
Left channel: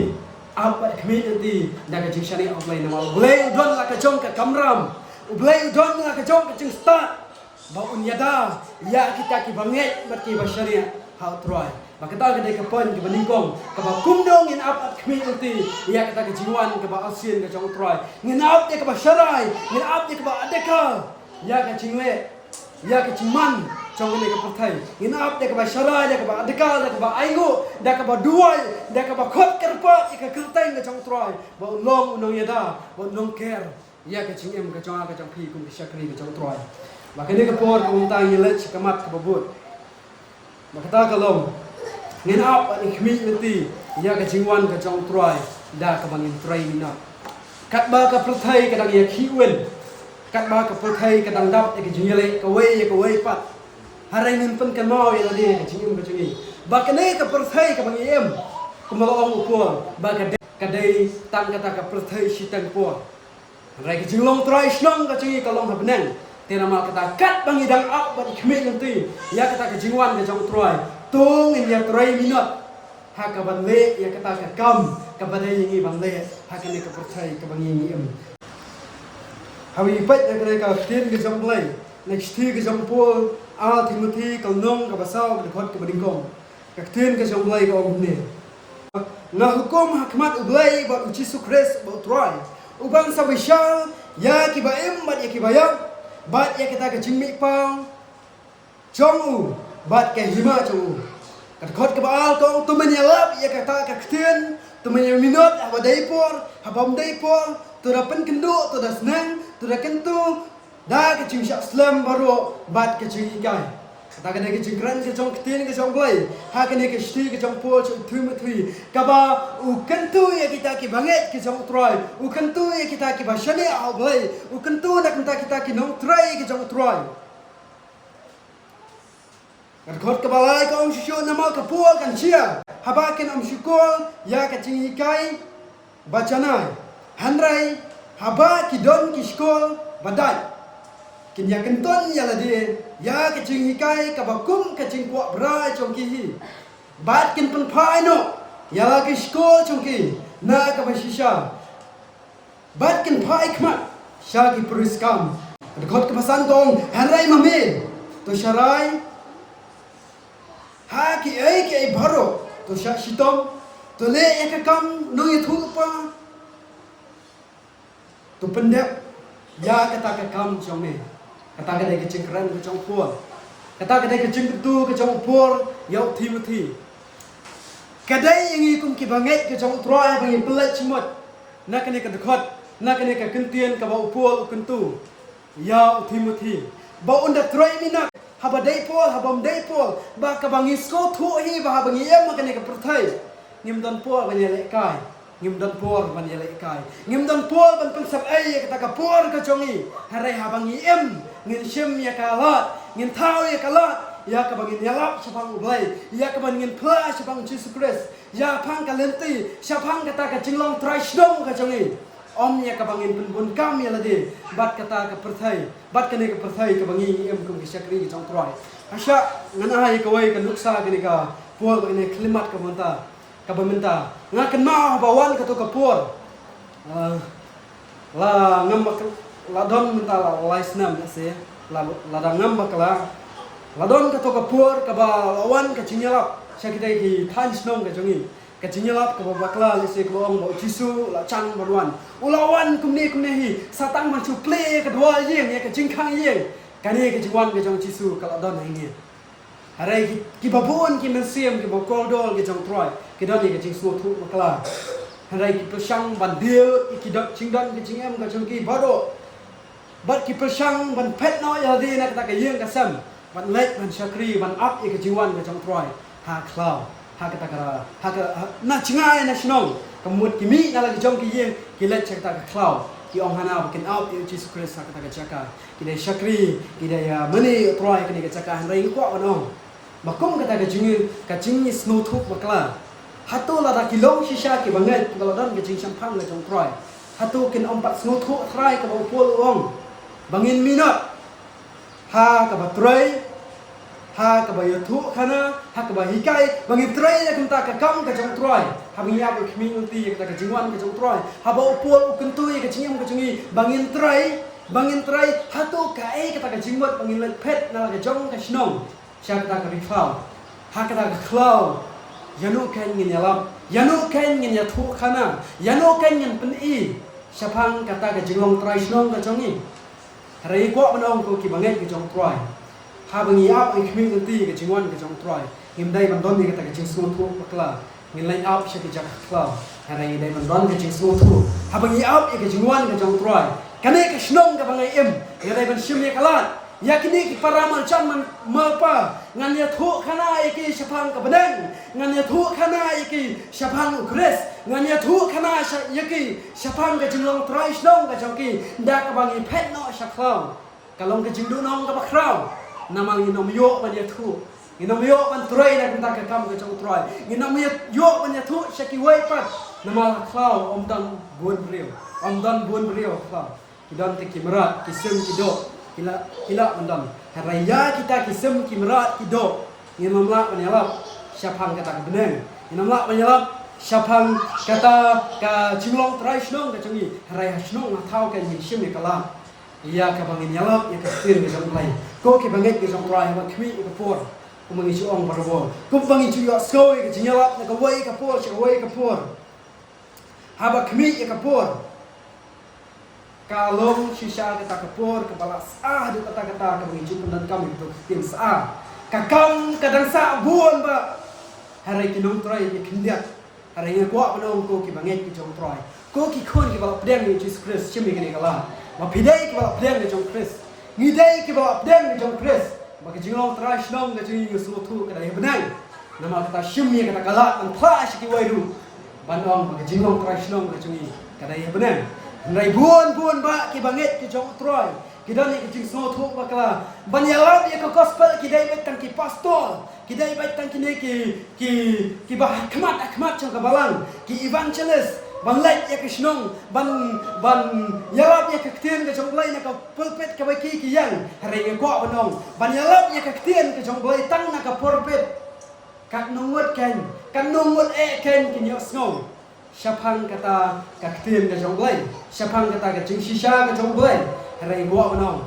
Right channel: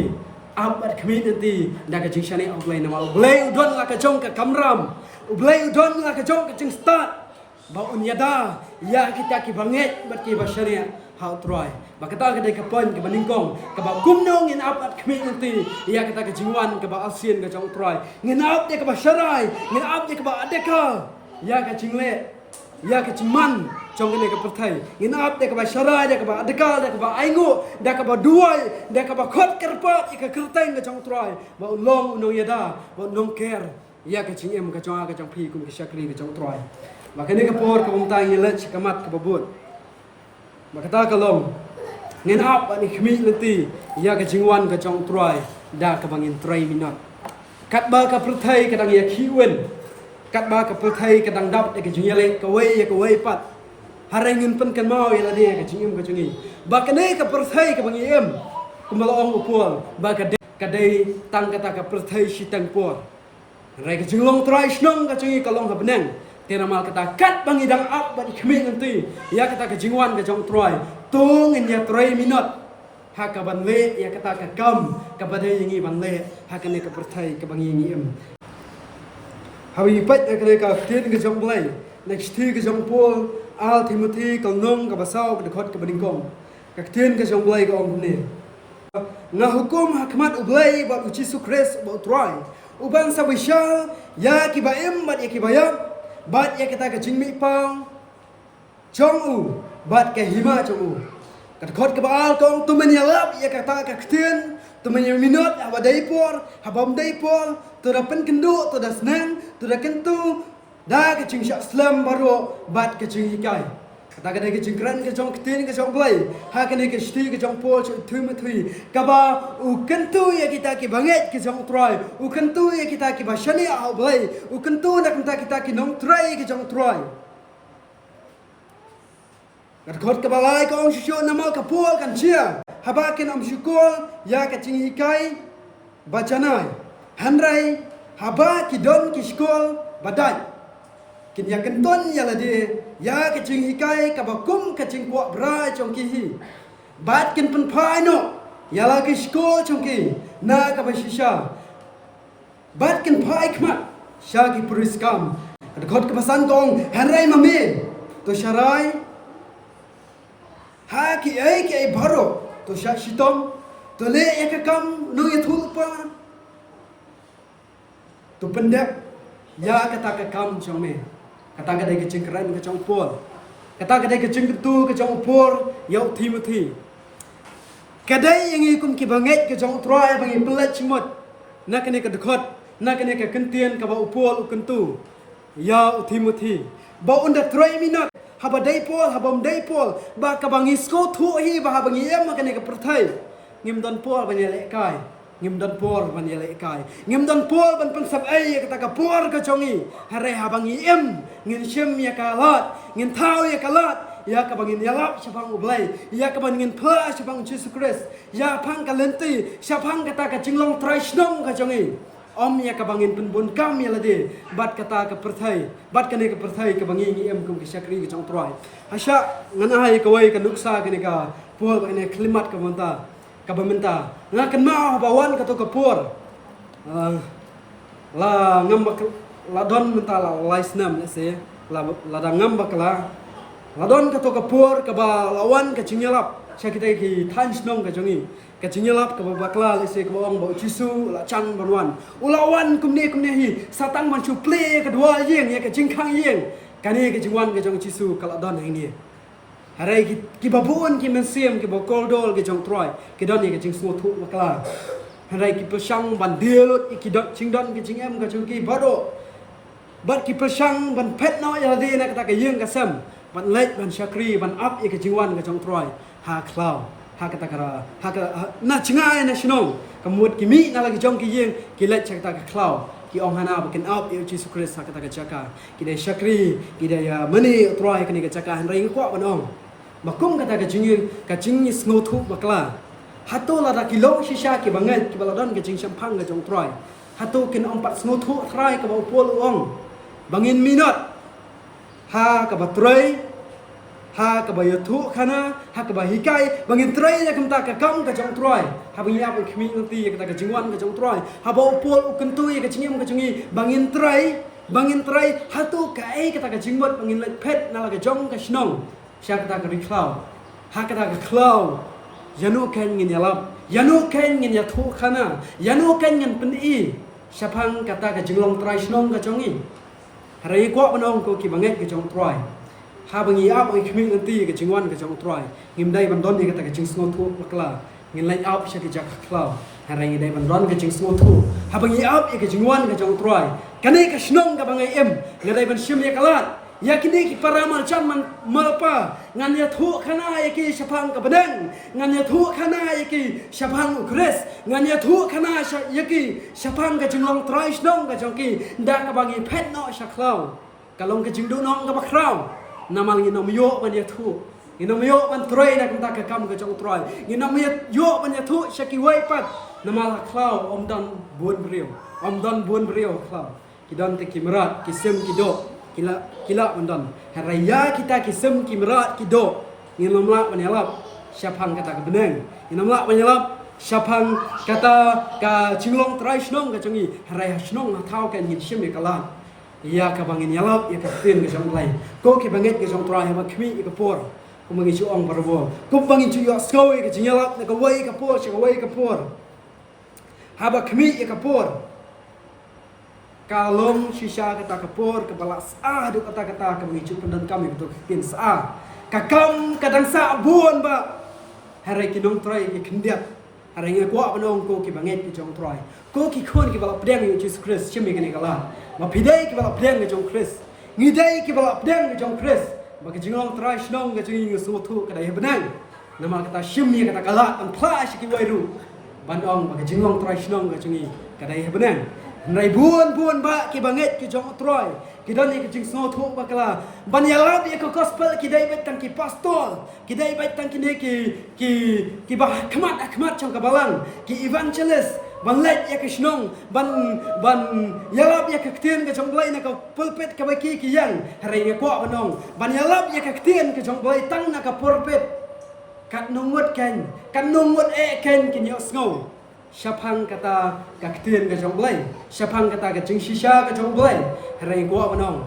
am ba khmi nanti da ke jing shane uglai na uglai don la ka jong ka kamram uglai don la ka jong ka jing start ba unyada ya kita ki banget berki basharia how try ba kita ke kapon ke baningkong ka ba kumdong in up at khmi nanti ya kita ke jiwan ke ba asien ke jong try ngin up ke ba sharai ngin up ke ba adeka ya ka jingle ya ka jiman trong cái này cái thầy ngin ap de ka ba sharai de ka ba adekal de ka ba aingo de ka ba duai de ka ba khot kerpa ka kerteng ka trong troi ba long no yada ba nong ker ya ka jing em ka trong phi kum ka shakri ka trong troi ba cái này ka por ka um tai yele kamat ka babut ba kata ka long ngin ap ani khmi leti ya ka jingwan ka trong troi da ka bangin 3 minut kat ba ka thầy ka dang ya khiwen kat ba ka thầy ka dang dap ka jingele ka wei pat hari ini pun kan mau yang ada kecingim kecingi. Bahkan ini kepercayai kebangiem kemalong upur. Bahkan kadai tang kata kepercayai sitang pur. Hari kecingong try snong kecingi kalong habeneng. Tiada mal kata kat bangidang up bagi kemik nanti. Ya kata kecingwan kecong try. Tung in ya 3 minut. Hak banle ya kata kekam kepada yang banle. Hak ini kepercayai kebangiem. Hari ipat ya kata kecing kecong play. Next day kecong pur. Al Timothy kalnong ka basaw ka dekhot ka badingkong kakten ka jonglay ka omne nga hukum hakmat ublay ba uci sukres ba utrai uban sa wisha ya ki ba em bat ya ki ba ya bat ya kita ka jinmi pau jongu bat ka hima jongu ka dekhot ka baal kong tumen ya lap ya kata ka kakten tumen ya minot ba daipor habam daipor to da pen kendu to da senang to da kentu dah kecing syak Islam baru bat kecing ikai. Kata kena kecing keren kecong ketin kecong boy. Ha kena kecing kecong pol Timothy. Kaba ukentu ya kita ki banget kecong troy. Ukentu ya kita ki bashani au boy. Ukentu nak kita ki nong troy kecong troy. Kadkot kabalai ka om syukur nama kapol kan cia. Haba ken om syukur ya kecing ikai bacana. Handrai haba ki don ki syukur badai. Kinya kenton ya lade ya kecing hikai kabakum kecing kuak berai congki bat kin pen pai no ya la kisko congki na kabashisha bat kin pai kmat shaki puriskam dekhot kebasan tong hanrai mame to sharai ha ki ai baro to sha shitom to le ekakam no yethulpa to pendep ya kata kakam chongme kata kadai kecing keren kecong pur. Kata kadai kecing ketu kecong pur yau Timothy. Kadai yang ikum ki banget kecong troy bangi pelet cimot. Nak kene ke dekhot, nak kene ke kentian ka bau pur ukentu. Yau Timothy. Bau unda troy minat. Haba daipol, habam daipol. Ba ka bangi sko thu hi ba bangi yam kene ke perthai. Ngim don pur banyi lek kai. Ngim don pur banyi lek kai. Ngim don pur ban pensap ai kata ka pur kecongi. Hare ha bangi em. Ngin shem ya kalat, ngin tau ya kalat, ya ka bangin yalap syapang ublay, ya ka bangin pla syapang Jesus Christ, ya pang kalenti, syapang kata ka jinglong traisdong ka jongi. Om ya ka bangin penbun kam ya lade, bat kata ka perthai, bat kene ka perthai ka bangin em kum ki syakri ka jong troi. Hasya nganai ka wai ka nuksa kene ka pur ka ne klimat ka monta, ka bamenta. Nga kenal bawan ka to ka pur. La ngam ladon mentala laisnam ya se ladangam bakala ladon ka to kapur ka ba lawan ka chingelap syakita ki than snong ka jongi ka chingelap ka bakla le se ka ong ba chisu la chang barwan ulawan kumne hi satang man chu play ka dua yeng ya ka jingkhang yeng kani ka jingwan ka jong chisu ka ladon hang ni harai ki babun ki mensiem ki bokoldol ki jong troy ki don ni ka jing su thu bakla harai ki pesang bandil ki dot chingdon ki jingem ka jong ki bado bat ki persang ban pet no ya di na kata ka yeng ka sam ban let ban syakri ban up ke jiwan ka jong troy ha klau ha kata kara ha na chingai na shnong kamut ki mi na lagi jong ki yeng ki let kata ka klau ki ong hana bakin up ki Jesus Christ ha kata ka jaka ki dai syakri ki dai mani troy ka ni ka jaka han ring kwa banong makum kata ka jingir ka jingi snow thu bakla hatu la da kilong shisha ki banget ki baladan ka jing champang ka jong troy hatu kin ompat snow thu thrai ka pol ong bangin minot ha ka batray ha ka bayathu khana ha ka bahikai bangin tray ya kamta ka kam ka jong troy ha bang ya ba khmi unti ya ka jingwan ka jong troy ha ba upol ukentu ya ka jingem ka jongi bangin tray ha tu ka ai ka jingmot bangin let pet na ka jong ka snong sya ka riklau ha ka klau yanu ken ngin yalap yanu ken ngin yathu khana yanu ken ngin pen i syapang kata ka jinglong tray snong ka jongi hari kuat menong ko ki banget ke jong troy ha bangi ap ai khmi nanti ke jingwan ke jong troy ngim dai ban don ni ka jing sno thu pakla ngin lai ap sha ke jak klau hari dai ban don ke jing sno thu ha bangi ap ke jingwan ke jong troy kani ke snong ka bangai em ngadai ban shim ye kalat yakini ki paramal chaman malpa ngan ya thu khana ki shapang ka badan ngan ya thu khana ki shapang ukres ngan ya thu khana ki shapang ka jinglong trai snong ka joki da ka bangi phet no shaklau kalong ka jingdu nong ka bakrau namal ni nom yo ban ya thu ni nom yo ban trai na ka kam ka jong trai ni nom yo ban ya thu shaki wai pat namal klau dan buon brio klau kidan te kimrat kisem kidok kila mendan haraya kita kisem kimrat kido nginomla menyalap syapang kata beneng nginomla menyalap syapang kata ka jinglong trai snong ka cengi haraya snong na thau kan hin sim kala ya ka bangin yalap ya ka tin ke jong lai ko ki banget ke jong trai ba khmi ke por ko mangi chu ong barbo ko bangi chu yo skoi ke jinyalap na ka wai ka por cha wai ka por haba khmi ka por kalong shisha kata kapur kepala sah du kata-kata kami cukup dan kami untuk pin sah kakang kadang sah buon ba hari kinong try ki kindiat hari nga kuat panong ko ki banget ki jong try ko ki khun ki bala pedang ni Jesus Christ chimi kini kala ma pidai ki bala pedang ni jong Christ ngidai ki bala pedang ni jong Christ ba ki jinglong try snong ka jingi so thu kada benai nama kata chimi kata kala an flash ki wairu banong ba ki jinglong try snong ka jingi kada benai nai buon ba ki banget ki jong troy ki dan ni ki so thu bakla ban yalab ye ko gospel ki dai bet tang ki pastor ki dai bet tang ki ne ki bah khmat chang ka balang ki evangelist ban let ye ki snong ban yalab ye ki ktien ke jong blai na ka pulpit ka baki ki yang hari ye ko banong ban yalab ye ki ktien ke jong blai tang na ka pulpit kat nungut ken ken ki yo sngo syapang kata kaktian ke jong blai syapang kata ke jing shisha ke jong blai hari gua banong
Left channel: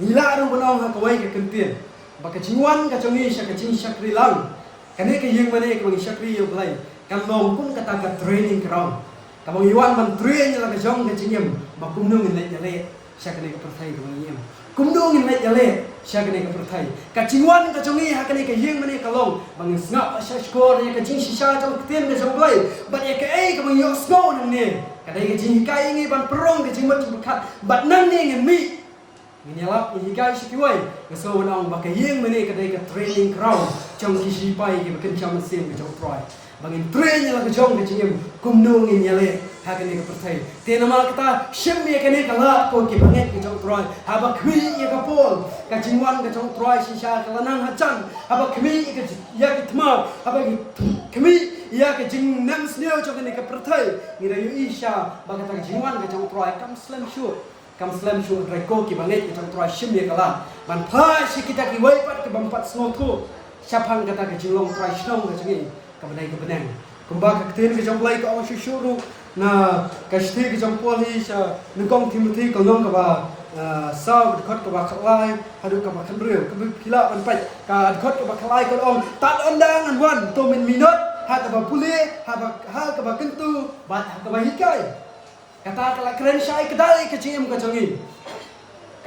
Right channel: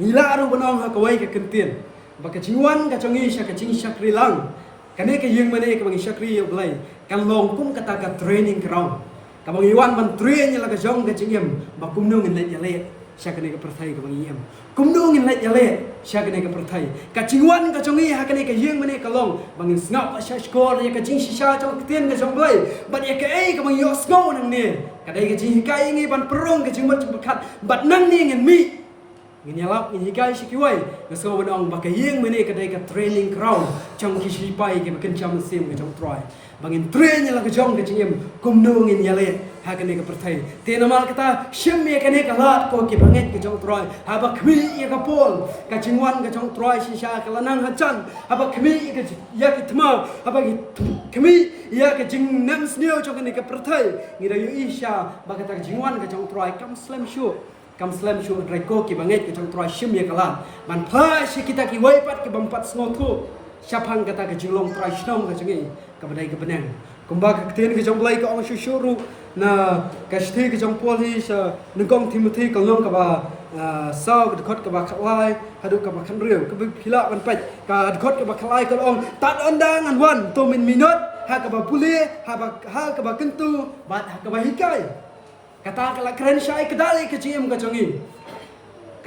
ngila aru banong ha kawai ke kentien ba ke jiwan ke jongi sha ke jing shakri lang kane ke yeng mane ke bang shakri yo blai kan long kum kata ka training ground ka bang iwan man train la ke jong ke jingem ba kum no ngin le sha kane ke perthai ke bang yem kum do ngin le sha kane ke perthai ka jiwan ke jongi ha kane ke yeng mane ka long bang snap sha skor ye ke jing shisha jong kentien ke jong blai bat ye ke ai ke bang yo snow nang ne kadai ke jing kai ngi ban perong ke jing mat kat bat nang ne ngin mi ngin yalap ni kai shikiwai ke so nong ba ke yeng mane kadai ke training ground jong ki shi pai ke ken cham sim ke jong try bangin train la ke jong ke jing kum no ngin yale ha kane ke perthai te namal kata shim ye kane ka lat ko ki banget ke jong try ha ba khwi ye ka pol ka jingwan ke jong try shisha ka lanang ha chan ha ba khwi ke ya ki thma ha ba ki khwi ya ke jing nam sneo jong kane ke perthai ngira yu isha ba ka jingwan ke jong try kam slam shoot reko ki banget ke jong try shim ye kala man pha shi kita ki wai pat ke bampat sngo thu syapang kata ke jinglong try snong ke jengi ka badai ke benang kumba ke tin ke jong blai ko ang shuru na ka shthi ke jong pol hi sa nungkong Timothy ko nong ka ba sau de khot ka ba khlai hadu ka ba khan riu ka phila ban pai ka khot ka ba khlai ko ong tat ondang an wan to min minut ha ka ba puli ha ka ba kentu ba ka ba hikai kata kala keren syai kedal ke cingem ka jongi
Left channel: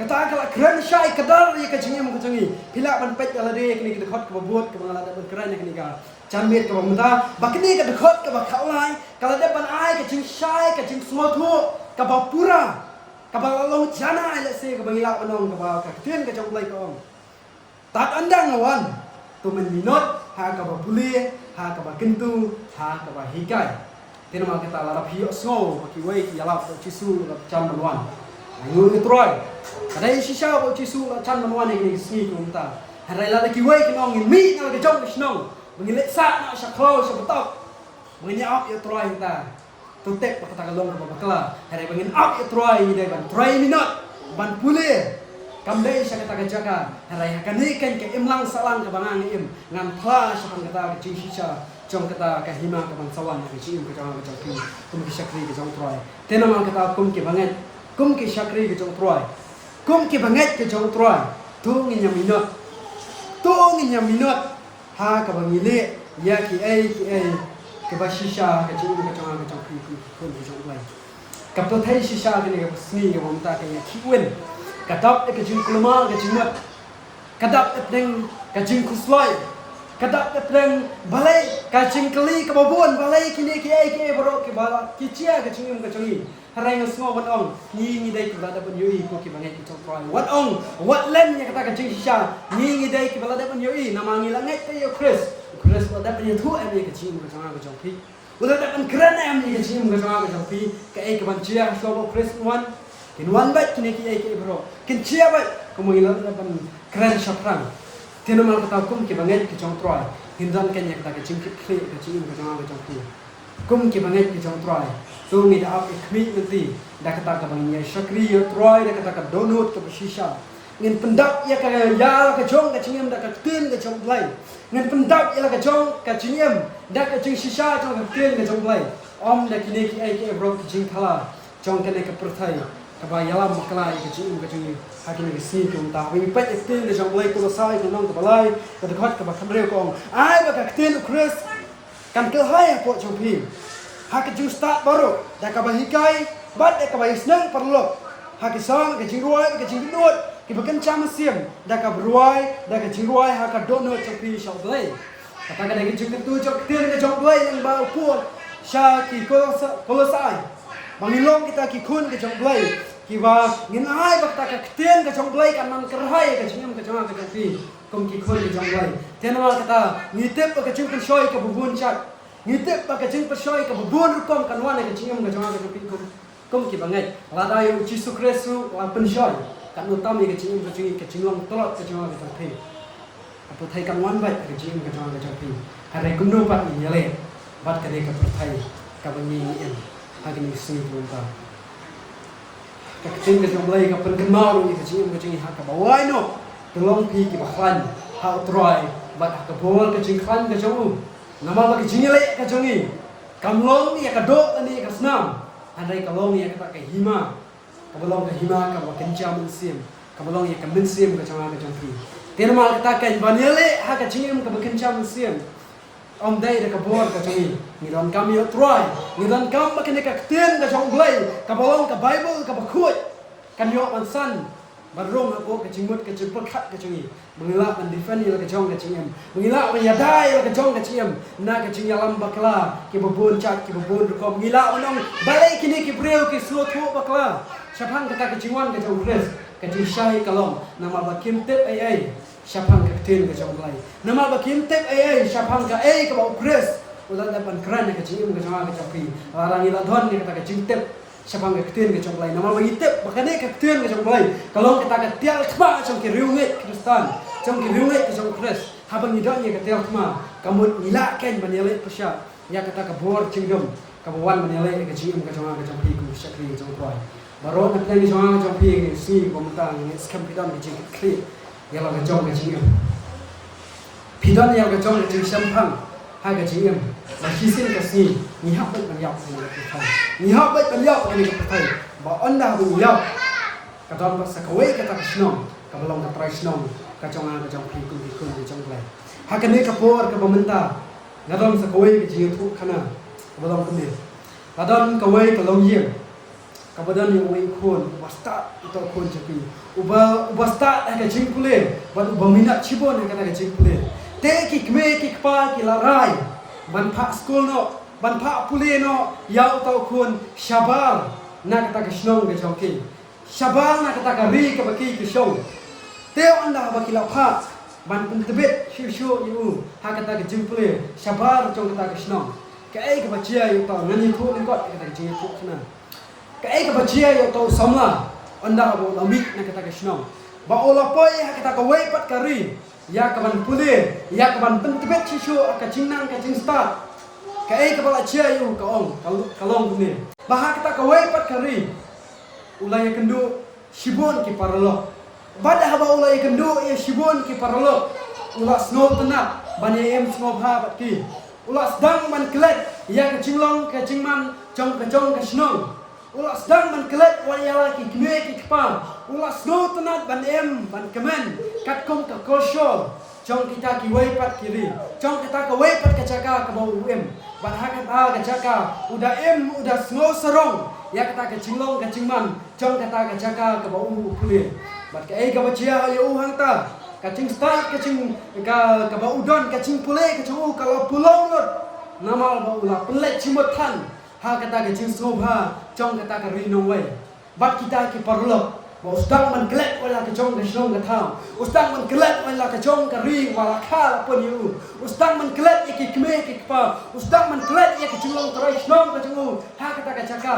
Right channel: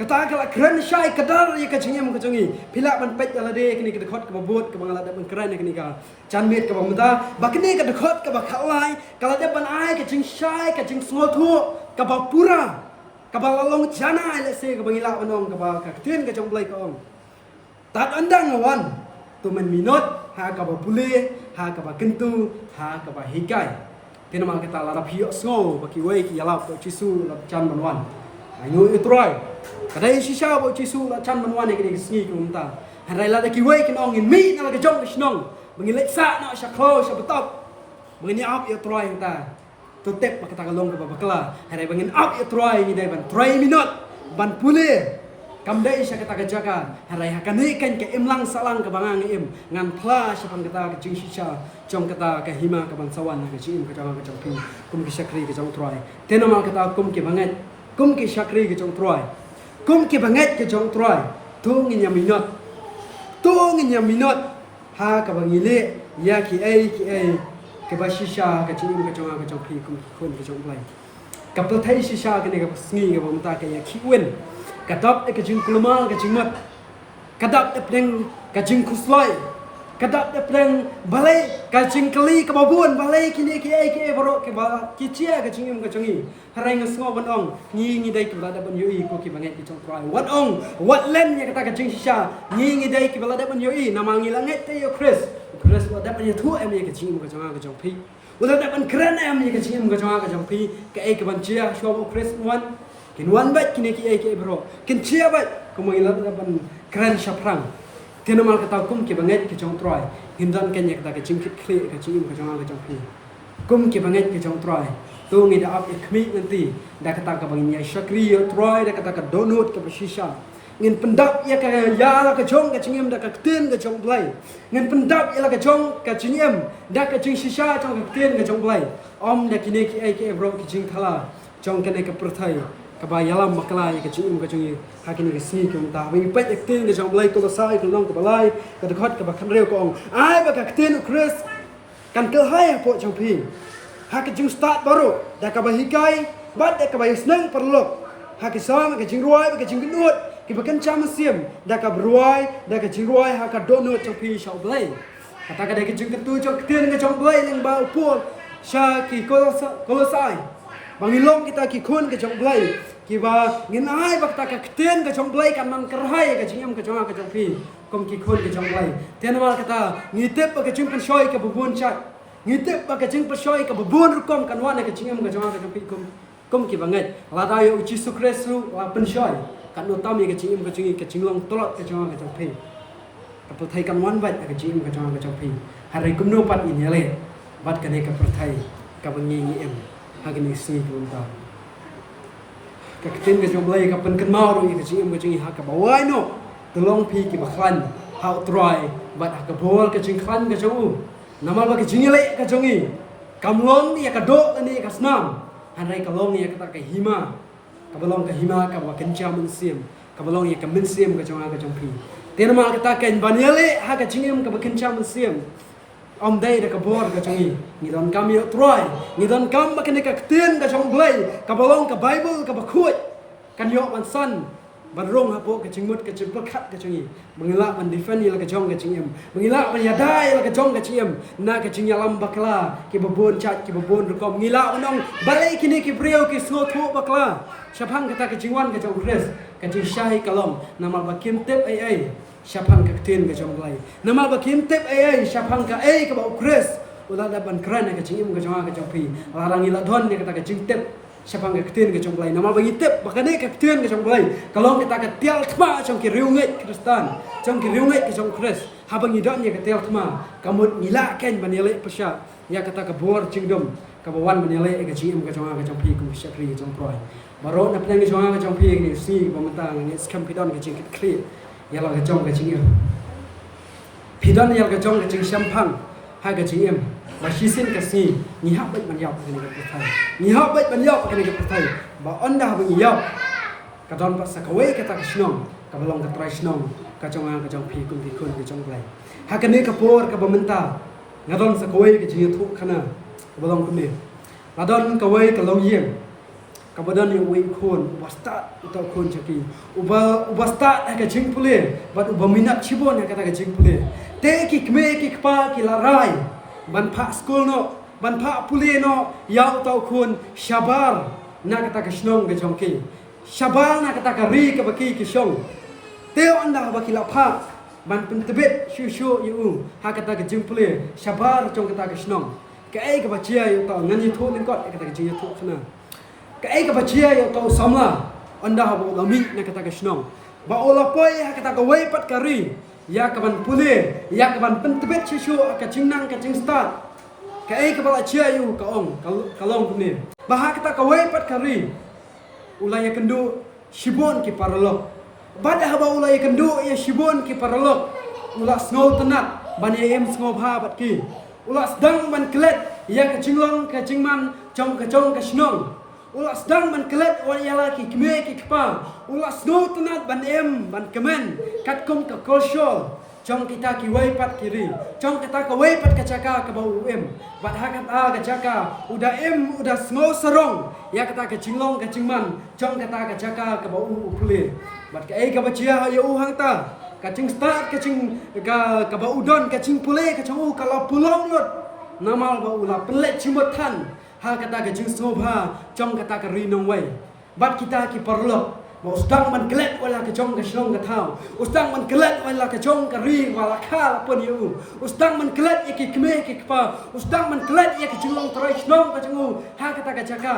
kata kala keren syai kedal ke cingem ka jongi phila ban pai ala de kini ke khot ka ba bot ka ba la da ban keren kini ka chan miet ka ba mata ba kini ka khot ka ba khlai kala de ban ai ke cing syai ke cing small thu ka ba pura ka ba long jana le se ka ba ila banong ka ba ka tien ka jong blai ka ong tat andang wan tu men minot ha ka ba puli ha ka ba kentu ha ka ba hikai kena mal kita lara pio snow baki wei ki yalap to chisu la chan manwan ayu itroy kadai shisha bo chisu la chan manwan ni sni kunta harai la ki wei ki nong in mi na ke jong snong mengile sa na shakho shabatok mengini ap itroy ta to tek ba kata kalong ka bakla harai bangin ap itroy ni dai ban 3 minute ban pule kam dai sha kata jaka harai hakani kan ke imlang salang ka bangang im ngan phla shapang kata ke shisha trong kata ka hima ka bangsawan ke chim ka jong ka jong kum ki shakri ke jong troy tena mal kata kum ki banget kum ki shakri ke jong troy kum ki banget ke jong troy tung nya minot ha ka bangile ya ki ai ke ba shisha ka chim ka jong kum kun ke jong troy kapto thai shisha ke ne ka sngi ke bom ta ke ya khiwen kadap ke jing kulma ke jing mat kadap pleng ke jing kusloi kadap pleng balai ke jing kali ke babun balai kini ke ai ke bro ke bala ki chia ke jing ke jongi harai ngasngo ban ong ni dai tu da ban yoi ko ki bangai ki chong try wat ong wat len ya kata ke jing shisha ni dai ki bala da ban yoi namangi langai te yo Chris da ban thu em ke jing ke jonga ke jong phi udah dapat keren em ni kecil muka cuma kecil pi ke ban cia show Chris one kin one baik kini ke bro kin cia baik kamu ilang dapat keren syafran tiada mal kata kum ke banget ke jong troy hindan kenya kata kecil kecil muka cuma kecil pi kum ke banget ke jong troy tu ni dah up ikmi nanti dah kata ke bangi syakri troy dah kata ke donut ke shisha ngin pendak ya ke jong ke cingem dah ke tin ke jong play ngin pendak ya ke jong ke cingem dah ke cing shisha jong ke tin ke jong play om dah kini ki ai ke bro ke cing thala jong ke ke perthai ke bayalam makla ya ke cingem ke cing hakin ke si ke ta wi pet ke tin ke jong play ko sai ko nong ke balai ke dekat ke bakan reu ko ai ba ke tin Chris kan ke hai ko jong pi ha ke cing start baru dah ke bahikai bat dah ke bahis nang perlu ha ke sang ke cing ruai ke cing nut kita kencang mesin, dah kau beruai, dah kau jiruai, hak donut copi shop play. Kata kata kita juga tu cok tin ke shop play yang bau pun, syaki kolosai. Bangilong kita kikun ke shop play, kiba nginai bakta ke tin ke shop play kan man kerhai ke cingam ke congak ke copi, kum kikun ke shop play. Tiada mal kata ngitip ke cingam shoy ke bubun cat, ngitip ke cingam shoy ke bubun rukom kan wana ke cingam ke congak ke copi kum kibanget. Lada yo uci sukresu penshoy. Kan utama ke cingim ke cinglong tolak ke congak ke copi. Keputai kan wan bat ke cingim ke congak ke copi. Hari kumno pat ni nyale, bat kene keputai ke bengi em. Hari ni si tunta. Ke cing ke jomlai ke pen kenal ni ke cingim ke cingi hak ke bawai no. Tolong pi ke baklan, hak try bat hak ke bol ke cingklan ke jongu. Namal bagi cingile ke jongi. Kamlong ni ke dok ni ke senam. Hari kalong ni ke tak ke hima. Kabalong ke hima ka kencam mensim kabalong ya ke mensim ke congak ke jangki tiada mal kata kan banyale ha ke cingim ke kencam mensim om dai de ke bor ke jongi ni don kami troy ni don kam ke ne ke tin ke jong blai kabalong ke bible ke bakut kan yo man san barong apo ke cingmut ke cepekat ke jongi mengilak man defend ni ke jong ke cingim mengilak man yadai ke jong ke cingim na ke cingalam bakla ke bebun cat ke bebun rukom ngilak onong balai kini ke breu ke slow tho bakla Syapang kata keciwan ke jong Chris, kecing syai kalong, nama bakim tip ai, syapang ke tin ke jong lay. Nama bakim tip ai, syapang ke ai ke bau Chris, udah dapat keren ke cing ke jong ke jong pi. Larang ila don ni kata kecing tip, syapang ke tin ke jong lay. Nama bagi tip, bahkan ke tin ke jong lay. Kalau kita ke tial kema jong ke riungit Kristan, jong ke riungit ke jong Chris. Habang idon ni ke tial kema, kamu ngilakan banele pesat. Ya kata ke bor cingdom, kawan banele ke cing ke jong pi ku syakri ke jong proy. Baru nak pergi jong ke jong pi ni si pementang ni skam pidon ke cing clear. Ya la ke jong ke cing. Pidon yang ke jong ke cing sampang. Hai ke cing. Masih sin ke si. Ni hak baik banyak ni ke pertai. Ni hak baik banyak ni ke pertai. Ba anda banyak. Kadang pas sakawai kata ke snom. Kabalong ke try snom. Ke jong pi kun ke jong play. Hak ni ke por ke pementang. Ngadon sakawai ke cing tu kana. Kabalong ke ni. Kadang kawai tolong yeng. Kabadan yang wing kun, wasta atau kun capi. Uba start ke cing pule, bat uba minat cibon kata ke cing pule. Te ki kme ki kpa ki larai. Ban pak school no, ban pak pule no, ya atau kun syabar nak kata ke snong ke jongki. Syabar nak kata ke ri ke baki ke shong. Te anda baki lapa, ban pentebet syu yu. Ha kata ke cing pule, syabar jong kata ke snong. Ke ai ke bacia yu tau ngani thu lingkot kata ke cing thu kana. Kai ka bajia ya tau samla anda bo lami na kata ke snong ba ola poi ha kata ka wei pat kari ya ka ban pule ya ka ban pentebet sisu ka jingnang ka jing start kai ka ba chia yu ka ong kalong pune ba ha kata ka wei pat kari ulai kendu shibon ki paralo ba da ba ulai kendu ya shibon ki paralo ula snol tenak ban em snol ha pat ki ula sedang man klet ya ka jinglong ka jingman jong ka snong Ulah sedang menkelet wayala ki kme ki kpa. Ulah snow tenat ban em ban kemen kat kum ka kosol. Jong kita ki wei pat kiri, jong kita ka wei pat ka jaka ka bau bat hakat ka jaka, udah udah semua serong, ya kita ka jinglong ka jingman, jong kita ka jaka ka bau pulih, bat ka ka bajia ya hang ta, ka jing start ka bau udon ka jing pulih ka jong kalau pulong lot, namal bau la pelet cimot tan, ha kata ka jing sobha, jong kita ka rinong wei, bat kita ki perlok. Ustang man gelet wala ka jong ka shnong ka thao ustang man gelet wala ka jong ka ri wala khala pon yu ustang man gelet iki kme ki pa ustang man gelet iki jong trai shnong ka jong ha kata ka jaka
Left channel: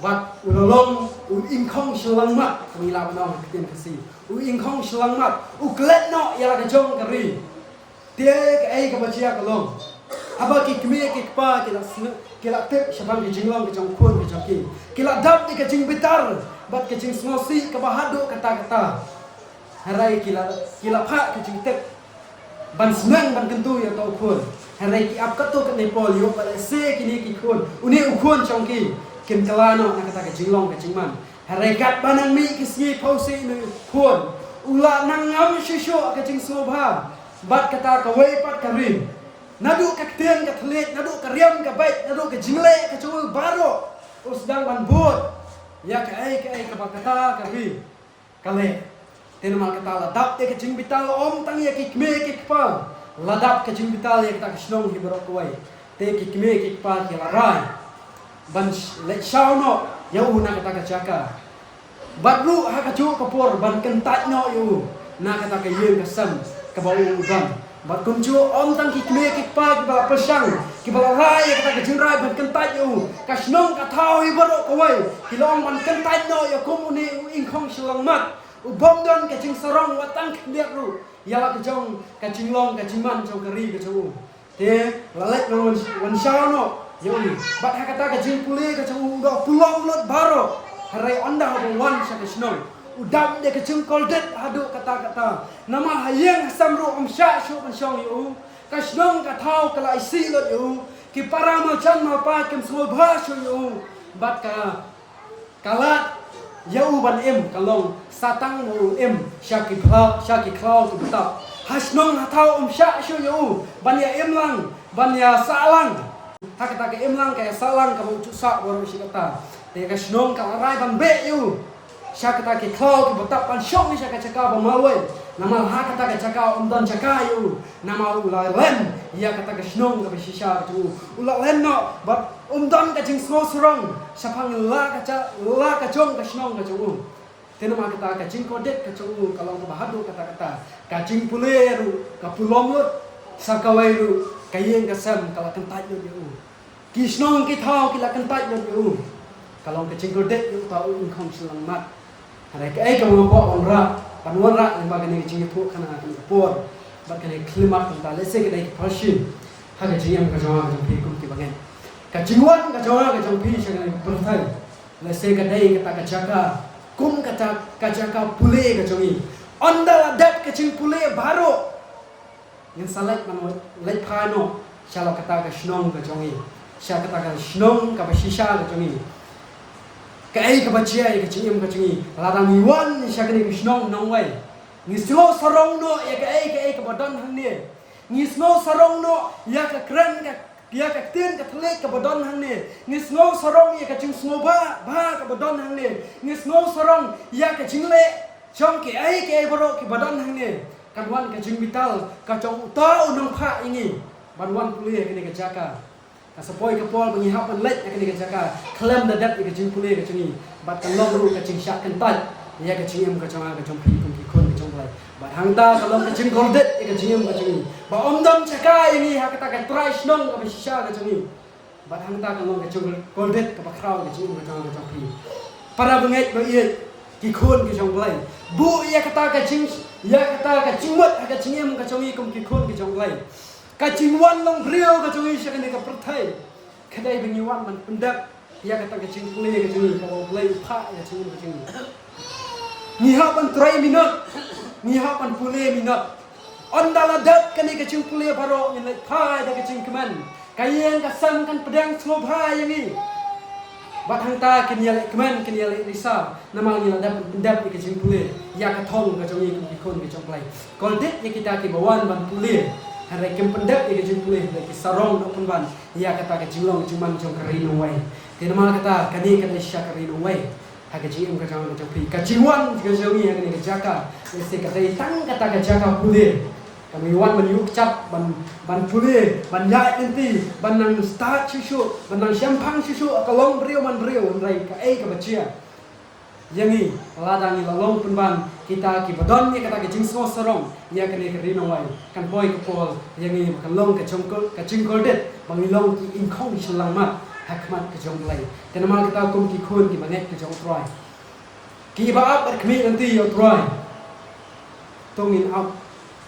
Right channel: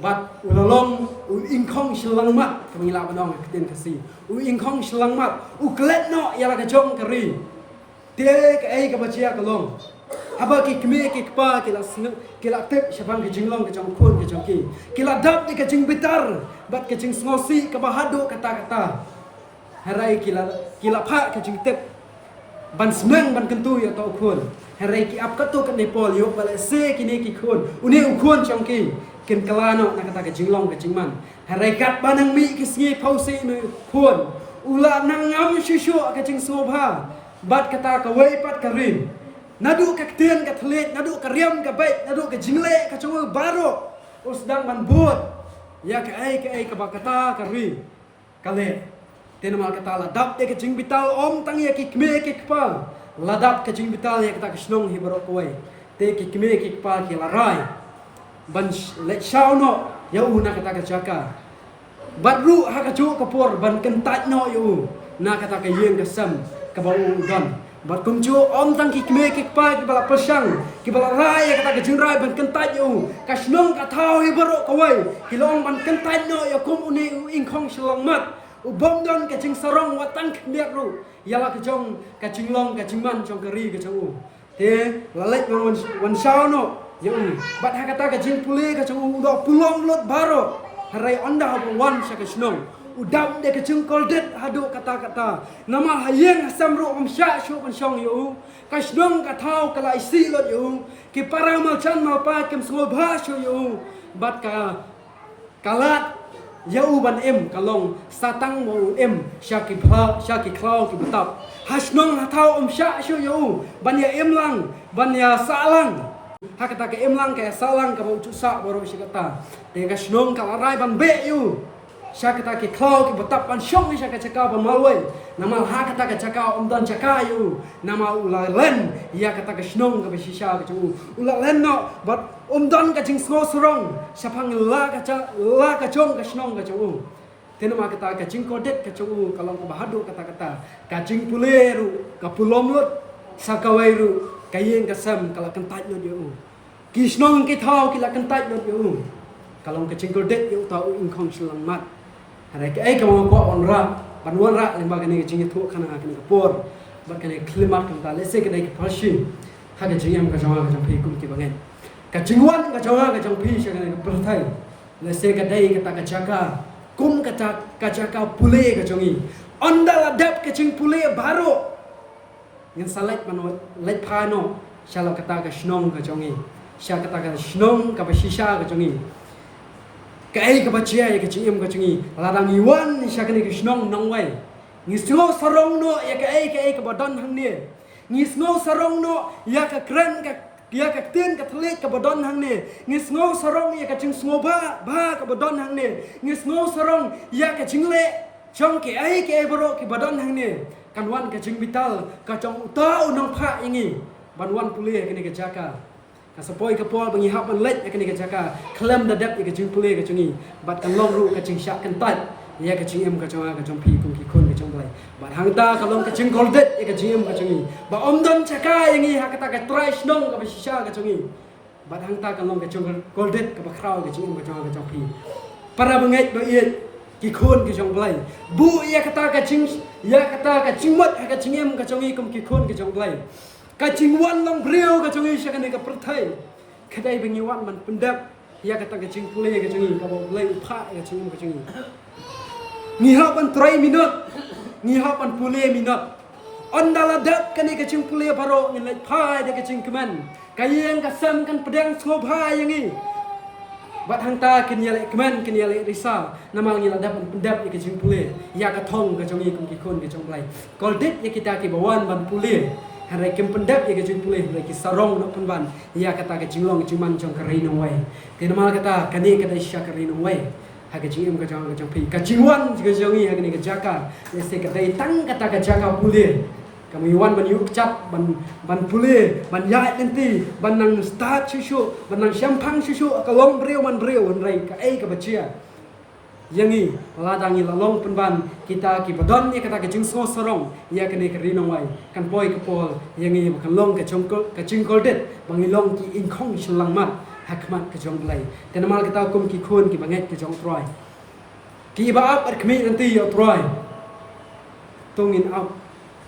bat ulolong ingkhong shlang mat ngila banong kiten kasi ingkhong shlang mat gelet no yala ka jong ka ri te ka ka bachia ka long aba ki kme ki pa kila tek shabang ki jinglong ka jong khon ka jong kila dap ni ka jing bitar bat kecing ngosi ke bahadu kata-kata harai kila pak kecing tek ban senang ban kentu ya tau khun harai ki ap katu kat nepal yo pal se kini ki khun uni khun chongki kin kalano na kata kecing long kecing man harai kat banang mi ki sngi pause me khun ula nang ngam shishu kecing sobha bat kata ka wei pat karim nadu ka kten ka thlet nadu ka riam ka bai nadu ka jimle ka chu baro usdang ban bot ya ka bakata kari kale tenamal kata ladap te kecing bital om tang ya kikme kikpa ladap kecing bital ya kita kisnong hibaro koi te kikme kikpa kila rai ban lek shauno ya una kata kacaka badru ha kacu kapor ban kentat no yu na kata ka yeng kasam ka bau gam bat kumju om tang kikme kikpa ki bala pesang ki bala rai kata ka jingrai ban kentat yu kasnong ka thau hibaro koi kilong ban kentat no ya kum uni ingkhong shlang mat ubom don ka jing sarong watang khndiak ru yala ka jong ka jinglong ka jingman jong kari ka jong te lalek wan shao no yu bat ha kata ka jing puli ka jong do pulong lot baro harai onda habong wan sha ka snong udam dia kecing koldet hadu kata-kata nama hayeng samru sha shu ban shong yu kasnong ka thau kala isi lot yu ki para machan ma pa kem smo bha shu yu bat ka kalat yau ban kalong satang mo syaki klau ki betap hasnong thau sha shu yu ban ya lang ban ya salang ha kata ke lang kaya salang ka mo sa boro si kata te kasnong kala rai ban be yu syakata ki klau ki betap pan syong ni syaka caka ba malwe nama ha kata ka caka dan caka yu nama ula len ya kata ka snong ka shisha ka tu ula len no but dan ka jing so sorong syapang la ka jong ka snong ka tu tenama kata ka jing kodet ka tu kalau ka bahadu kata-kata ka jing puleru ka pulom lut sakawairu kayeng ka sam kala kentat yu ki snong ki thau ki la kentat yu kalau ka jing kodet yu tau ingkhong shlang mat ada ke kamu buat panwan rak lembaga ni jinga tu kana kini kapor bat kini klimat kanta lese ke dai pashin haga jingam ka jawa ka pi kum ti bangen ka jingwan ka jawa ka jong pi sanga ka perthai lese ke dai kata ka jaka kum kata ka jaka pule ka jongi onda la dat ka jing pule baro yang salai man lai phano shala kata ka snong ka jongi sha kata ka snong ka bashisha ka jongi kai ka bachia ka chingem ka chingi ladang iwan ni syakani krishnong nongwai ni smo sarong no ya ka bodon hang ni smo sarong no ya ka kren ka ya ka tien ka thle ka bodon hang ni smo sarong ya ka ching smo ba ka bodon hang ni smo sarong ya ka chingle chong ke boro ki bodon hang ni kanwan ka jing vital ka chong ta unong pha ingi banwan puli kini ka jaka kasapoi kapol bangihap an lek akan dikacaka klem dadat ka jing pule ka chingi bat kan long ru ka ching syak kan tat ya ka ching em ka changa ka chong pi kum ki khon ka chong blai bat hangta kalong ka ching goldet ka ching em ka chingi ba omdam chaka yangi ha kata ka trai snong ka shisha ka chingi bat hangta kalong ka ching goldet ka bakraw ka ching em ka changa ka chong pi para bangai ba ye ki khon ka chong blai bu ya kata ka ching wat ka ching em ka chongi kum ki khon ka chong blai kacing wan long griau ka chungi sya kane ka perthai kadai bengi wan man pendak ya kata kacing pule ka chungi ka bolai pha ka chungi ka chungi ni ha pan 3 minut ni ha pan pule minut on dala dak kane kacing pule baro ni lai pha da kacing keman kayeng ka sam kan pedang sobha yangi bat hang ta kin yale kemen kin yale risa nama ngi la dap ke jing pule ya ka thong ka jongi kum ki khon ki jong lai kol dit ya kita ki bawan ban pule hare kem pendap ya ke jing pule le ki sarong no kan ban ya kata ke jinglong cuman jong kari no wai tin nama kata kani kata isya kari no wai ha ke jing ka jong pi ka jiwan ke jongi ya ni ka jaka se ka dai tang kata ka jaka pule kami wan ban yuk cap ban pule ban ya nanti ban nang start susu ban nang syampang susu kalong breu man breu rai ka ai ka bachia yangi ladangi lalong penban kita ki badon ni kata ke jing so sorong ya kene ka rinong wai kan poi ka pol yangi kan long ka chongko ka jingkol det bangi long ki in khong shlang mat hakmat ka jong lai kana mal kata kum ki khon ki banget ka jong troi ki ba ap kmi nanti yo troi tungin up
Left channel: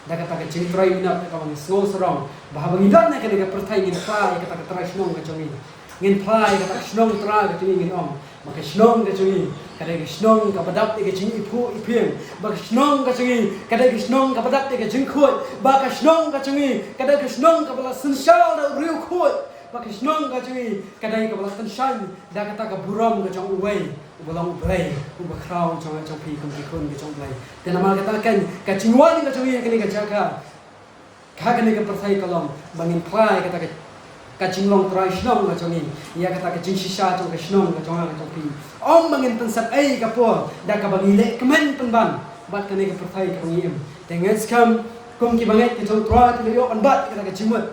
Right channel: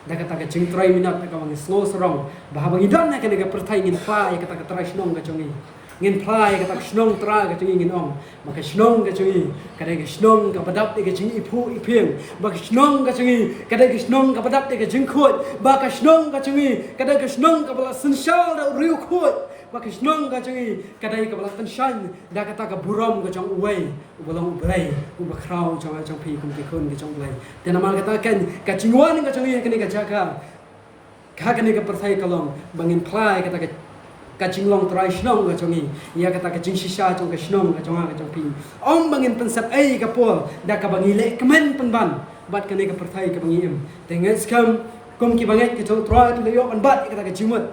dah kata ke jing troi minat ka bangi slow sorong bah bangi don na kene ka perthai ngin pa ya kata ka trai snong ka jongi ngin plai kata snong tra ka jongi ngin om maka snong ka jongi kada ke snong ka badap ke jing ipu ipiem ba ke snong ka jongi kada ke snong ka badap ke jing khot ba ka snong ka jongi kada ke snong ka bala sensyal da riu khot ba ke snong ka jongi kada ke bala tensan da kata ka burom ka jong uwei ubolong blai uba krau jong pi kum ki khon ke jong blai te nama kata kan ka jingwan ka jongi ka ni ka jaka ka ni ka perthai kalom bangin plai kata ke ka jinglong trai snong ka jongi ya kata ka jing sisa jong ka snong ka jong pi om bangin pensat ai ka pol da ka bangi le kemen penban bat ka ni ka perthai ka bangi em tengen skam kum ki banget ka jong trai tu yo an bat kata ka jingmut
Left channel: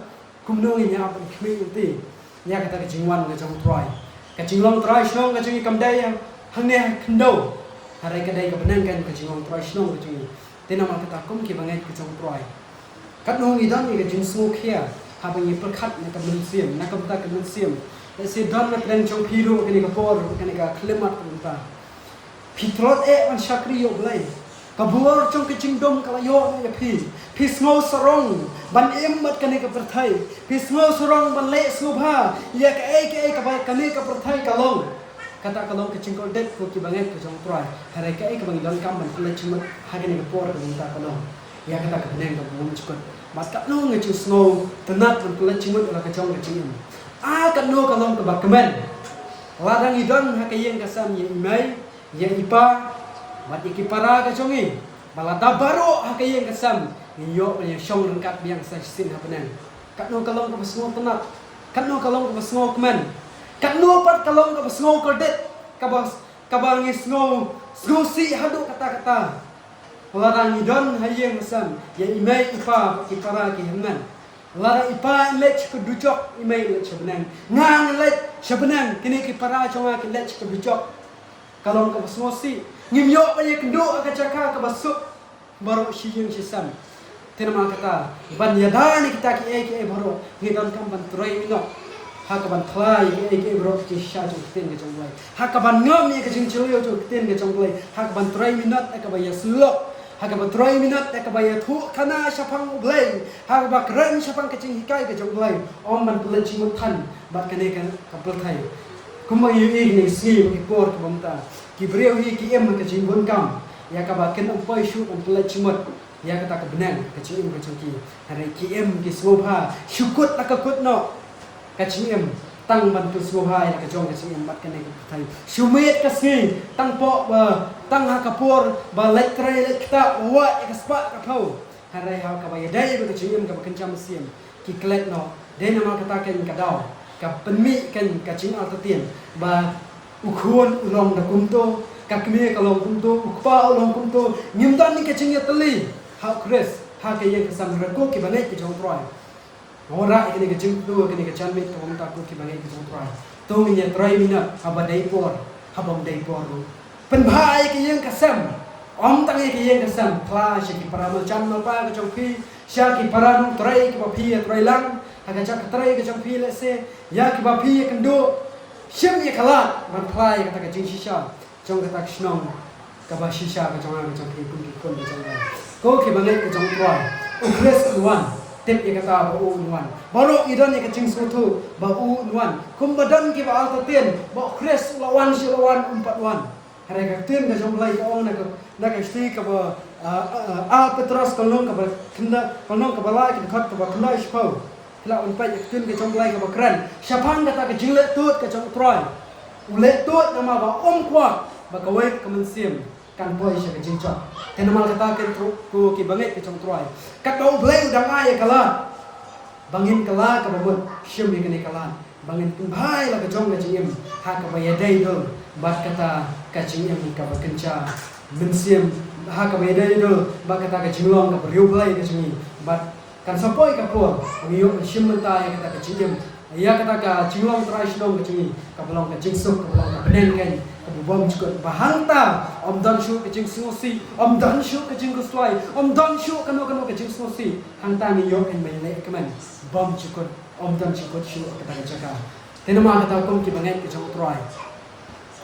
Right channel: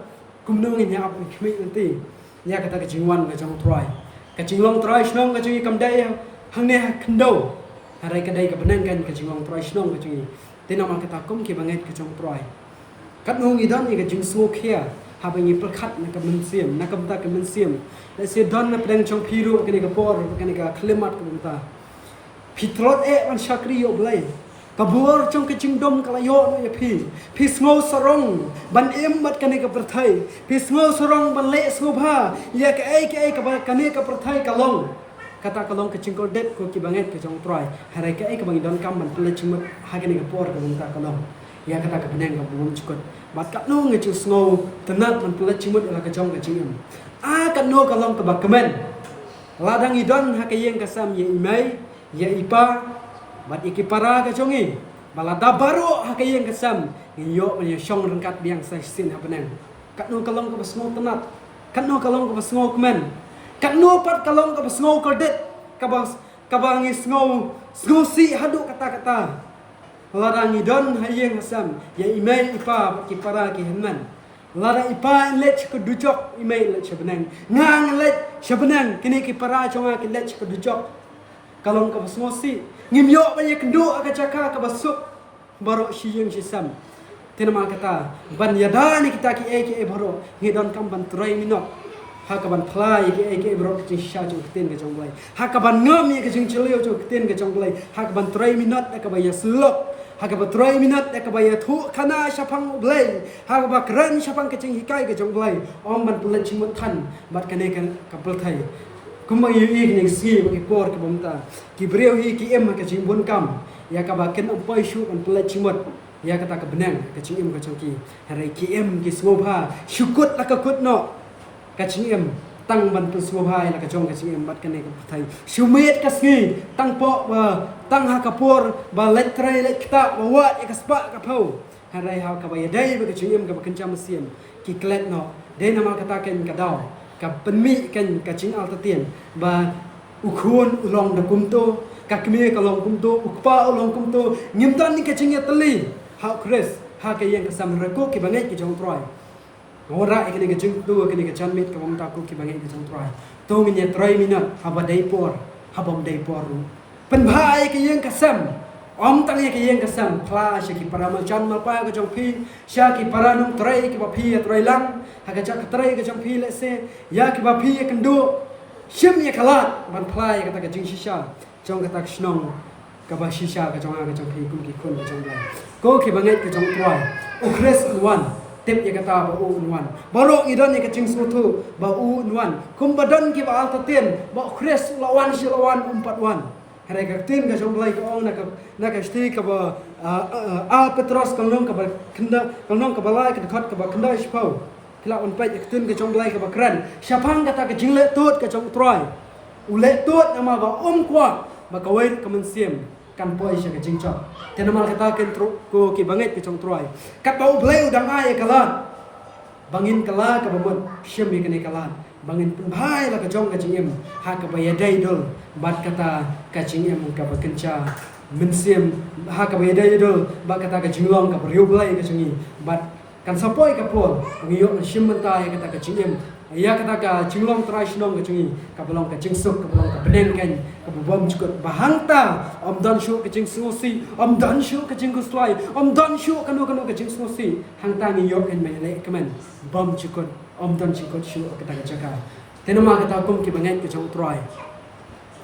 kum nong ni nya ban khmi unti ya kata ka jingwan ka jong trai ka jinglong trai snong ka jongi kam dai hang ne khndo hare ka dai ka banan kan ka jinglong trai snong ka jongi te nama kata kum ki banget ka jong trai kat nong i dan ni ka jing su khia ha ba yi perkhat na ka men sim na ka ta ka men sim le se don na pren chong phiru ka ni ka por ka ni ka khlemat ka ta phitrot e an shakri yo blai ka bur chong ka jing dom ka la yo na ya phi smo sarong ban im mat ka ni ka perthai phi smo sarong ban le subha ya ka ai ka ni ka perthai ka long kata kalong ke cingkol det ko ki banget ke jong trai hare ka ai ka bangi don kam ban pule chimut ha ka ni ka por ka ta kalong ya kata ka beneng ka belum cukup mat kat no nge chu snow tenat man pule chimut la ka jong ka chingam a kat no kalong ka bak kemen ladang idon ha ka yeng ka sam ye imai ye ipa mat ye ki para ka jongi balada baru ha ka yeng ka sam yo ye shong rengkat biang sai sin ha beneng kat no kalong ka snow tenat kat no kalong ka snow kemen kat no pat kalong ka snow ko det ka bangi snow si hadu kata-kata larang idon hayeng hasam ya imai ipa ki para ki henman lara ipa lech ko ducok imai lech sebenang ngang lech sebenang kini ki para chonga ki lech ko ducok kalong ka basmosi ngimyo ba ye kendu ka caka ka basuk baro siyeng sisam tenama kata ban yadani kita ki baro ngidon kam ban trai minot hakaban thlai ki bro ki sha jo ten ke jong lai hakaban ngam ye ke jing chilio jo ten ke jong lai hakaban trai minot ka ba yaslok hakaban trai minot ka ba thu khana shapang blai hakaba kran shapang ke jing hikai ke jong lai om man bulan chimon than bat kane kan kapul thai kumang yi ni si ki por ki bomta ki breu hi ki em ke jing bun kam ya ka ba ken pai shu an bulan chimot ya kata ka benang ke jing em ka jong ki hare ki em ki sobha shukut la ka kut no kacim tang bantu suhai la kacong kacim bat kene ka thai shumet kasngi tang po ba tang ha kapur ba letrai lekta wa ekaspa ka phau harai ha ka ba dai ba kacim ka kencam siam ki klet no dei nama kata ken ka daw ka penmi ken kacing al tatien ba ukhun ulong na kumto ka kme ka long kumto ukpa ulong kumto ngimtan ni kacing ya teli ha kres ha ke yang sam raku ki bangai ki jong troi ora ikini ke jing tu ikini ke chanmit ka bomta ko ki bangai ke jong trai to minya trai minat haba dai por habom dai por ru pen bhai ke yeng kasam om tang ke yeng kasam kla shi ki para ma chan ma pa ka jong phi sha ki para nung trai ki ba phi trai lang ha ka chak trai ke jong phi le se ya ki ba phi ke ndu shim ye khalat man khlai ka ta ke jing shisha jong ka ta shnong ka ba shisha ka jong phi kun ki kun ka jong ko ki bangai ke jong trai o kres one tep ye kata ba u nuan baro idan ye kacing sutu ba u nuan kum badan ki ba alta ten ba khres lawan si lawan umpat wan hare ka ten ka jomlai on na ka sti ka ba a petros kalong ka ba kenda kalong ka ba lai ka khat ka ba kenda spo kila on pa ye ten ka jomlai ka ba kran shapang kata ka jingle tot ka jom troi Ulet tuat nama ga kuat baka wait kemensiam kan poi sya ke jingcok. Tena mal kata ken ko ki banget ke cong troy. Kat bau bleu dang ai kala. Bangin kala ka babon syem ye kene kala. Bangin pun hai la ka jong ka jingem ha ka baya dai do bat kata ka jingem ka bakenca mensiam ha ka baya dai do bat kata ka jingong ka riu blai ka jingi bat kan sapoi ka pol ngiyo syem mentai kata ka jingem. Ia kata ka jinglong trai snong ka jingi ka belong ka jingsuk ka belong ka beneng kan ka bom cukut bahanta om dan shu ka jing susi om dan shu ka jing kuslai om dan shu ka no ka jing susi hang tani yo en mai le kaman bom cukut om dan cukut shu ka tan jaka tenama kata kom ki bangai ka chong trai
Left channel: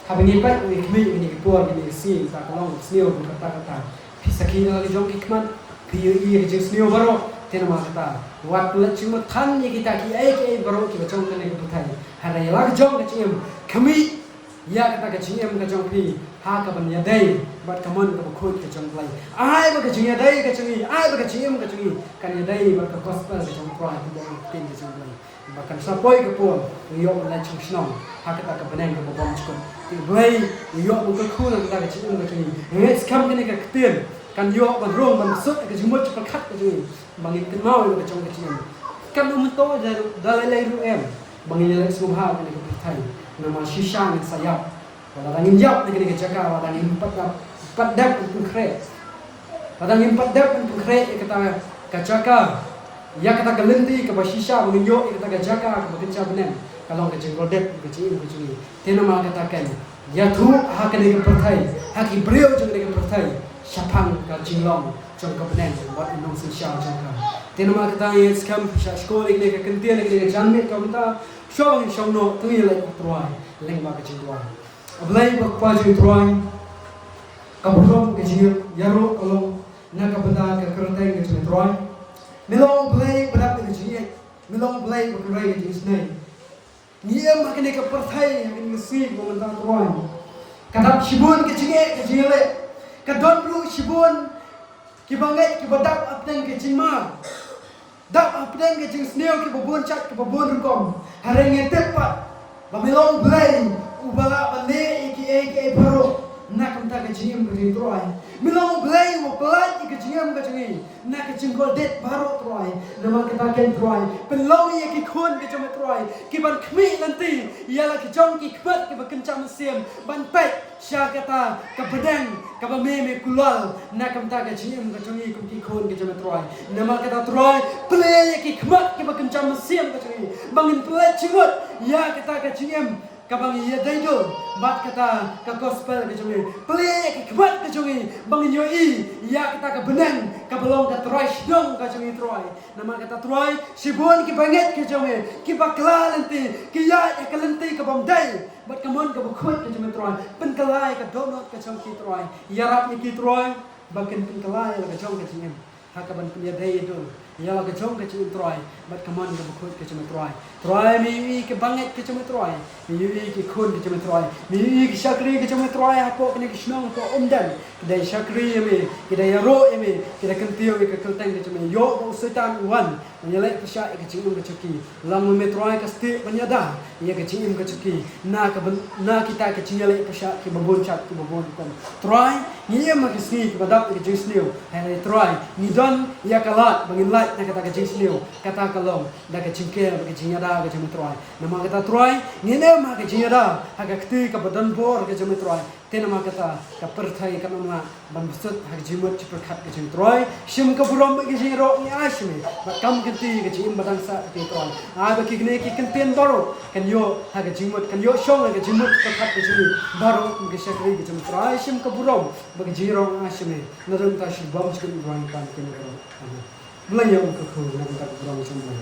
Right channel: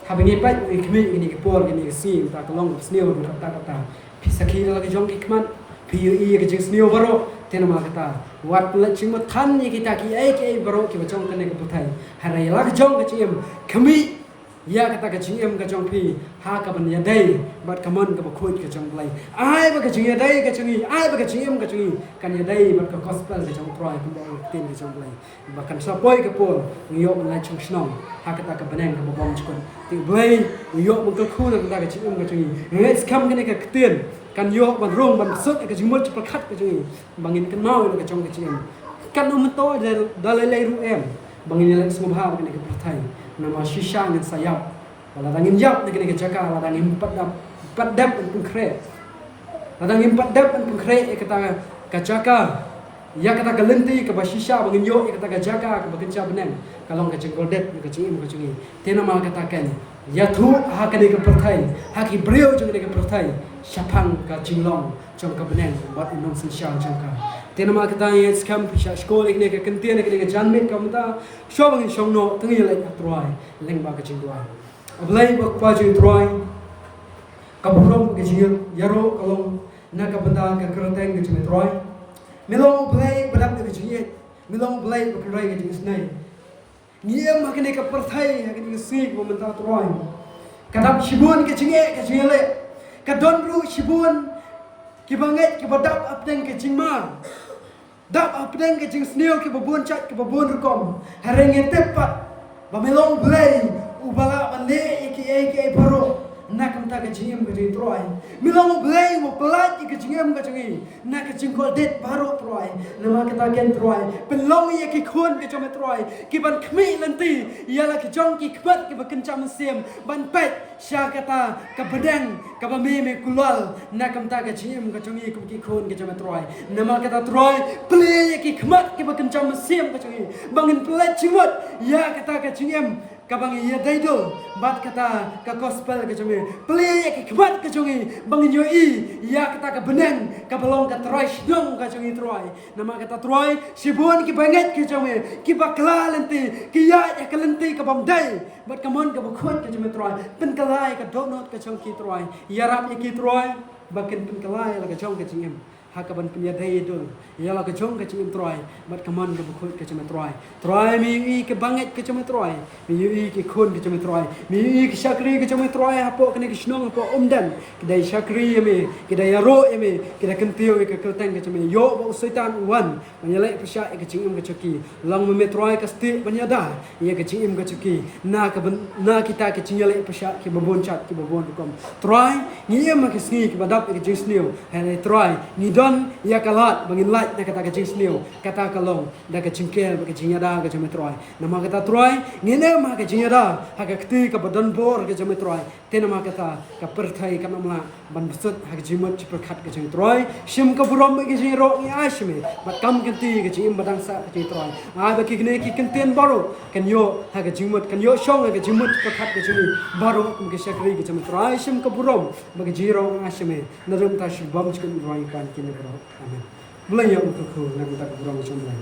ha bengi pai ni kmi ni ka por ni ka si ta ka long sneo ka ta pisaki la ka jong ki kman pi i ka jing sneo baro tenama kata wat pula cuma tan ni kita ki ai baro ki bacong kene ka putai harai la ka jong ka cim kami ya kata ka cim ka jong pi ha ka ban ya dai bat kamon ka bakoi ka jong lai ai ba ka cim ya dai ka cimi ai ba ka cim ka cimi kan ya dai ba ka gospel ka jong proi ka bo tin ka jong lai ba kan sapoi ka pon yo la chung snong ha kata ka banen ka bom chukon ti bai yo ba ka khul ka ka cim ka cimi ngai skam kene ka ktin kan yo ban rong ban sut ka jimut cepat khat ka cimi bangin kan mau ka jong ka cim kan no to dalai ru em bangin lek semua hal kene ka thai nama shisha ngan sayap wala dangin yap lagi ke jaka wala dangin padap untuk kre wala dangin padap untuk kre kata ka jaka ya kata galenti ke shisha bangin yo kata ka jaka ke bekerja benem kalau ke jenggodet ke cim ke cumi tena mal katakan ya tu ha kene ke perthai ha ki brio jeng ke perthai syapang ka jinglong jong ka benem buat indong shisha jaka tena mal kata ya skam pisha skol ikne ke kentian ikne ke janmet ka mata showing show no tui like troy leng ma ka troy ablai bak pa jing troy ka bro ke jir yaro kolong na ka banda ka kertai ke troy melong blai badap ke jir melong blai bak rai ke snai nia ma ke ka perthai ke nsi ko banda troy kadap shibun ke jir ka don ru shibun ki banget ki badap apteng ke jingma dap apdeng ke jing sneo ke babon chat ke babon rukom harenge tepat bamelong blay ubala bande iki baro nakam ta ke jingem ke jing troy milong blay mo pelat ke jingem ke jing nak ke jing gol det baro troy nama kita ken troy penlong ye ke khun ke jom troy ki ban khmi nanti yala ke jong ki khbat ke baken cham sem ban pet sya kata ka bedeng ka me kulal nakam ta ke jingem ke jing ki khun ke jom troy nama kata troy play ki khmat ke baken cham sem ke jing bangin pelat chimot ya kata ke jingem kabang iya daido bat kata ka gospel ke jongi play ke khmat ke jongi bangin yo i ya kata ka benang ka belong ka troy dong ka jongi troy nama kata troy sibun ki banget ke jongi ki bakla lenti ki ya ke lenti ka bamdai bat kamon ka bukhut ke jongi troy pen kalai ka donot ke jongi troy ya rap ki troy bakin pen kalai la ka jongi ke jingem hakaban punya daya dulu ya la ke jong ke cim troy bat kamon ke bukhut ke cim troy mi ke banget ke cim troy mi ke khun ke cim troy mi ke syakri ke cim troy hapo kene ke snong hapo umdan kedai syakri mi kedai ro mi kedai kentiu ke kelteng ke cim yo bo setan wan menyelek pesya ke cim ke ceki lang me troy ke sti penyada ya ke cim ke ceki na kita ke cinyelek pesya ke baboncat ke babon kom troy ni ma ke ski ke badap ke jingsniu hai troy ni don ya kalat bangin light na kata ka jingsniu kata kalong da ka cingkel ba ka jingada ka jame troy nama kata troy ngene ma ka jingada ha ka kti ka badan bor ka jame troy te nama kata ka perthai ka namla ban busut ha ka jimot ci perkhat ka jame troy shim ka burom ba ka jiro ni ashme ba kam kenti ka jim badang sa ka jame troy a ba ki kne ki kenten baro kan yo ha ka jimot kan yo shong ka jimot ka khat ka jame baro ka shakri ka jame troy shim ka burom ba ka jiro ashme narum ta shi bom ci ko roy pan ki ne bro amen mulai ya untuk kau nak tak buram semua.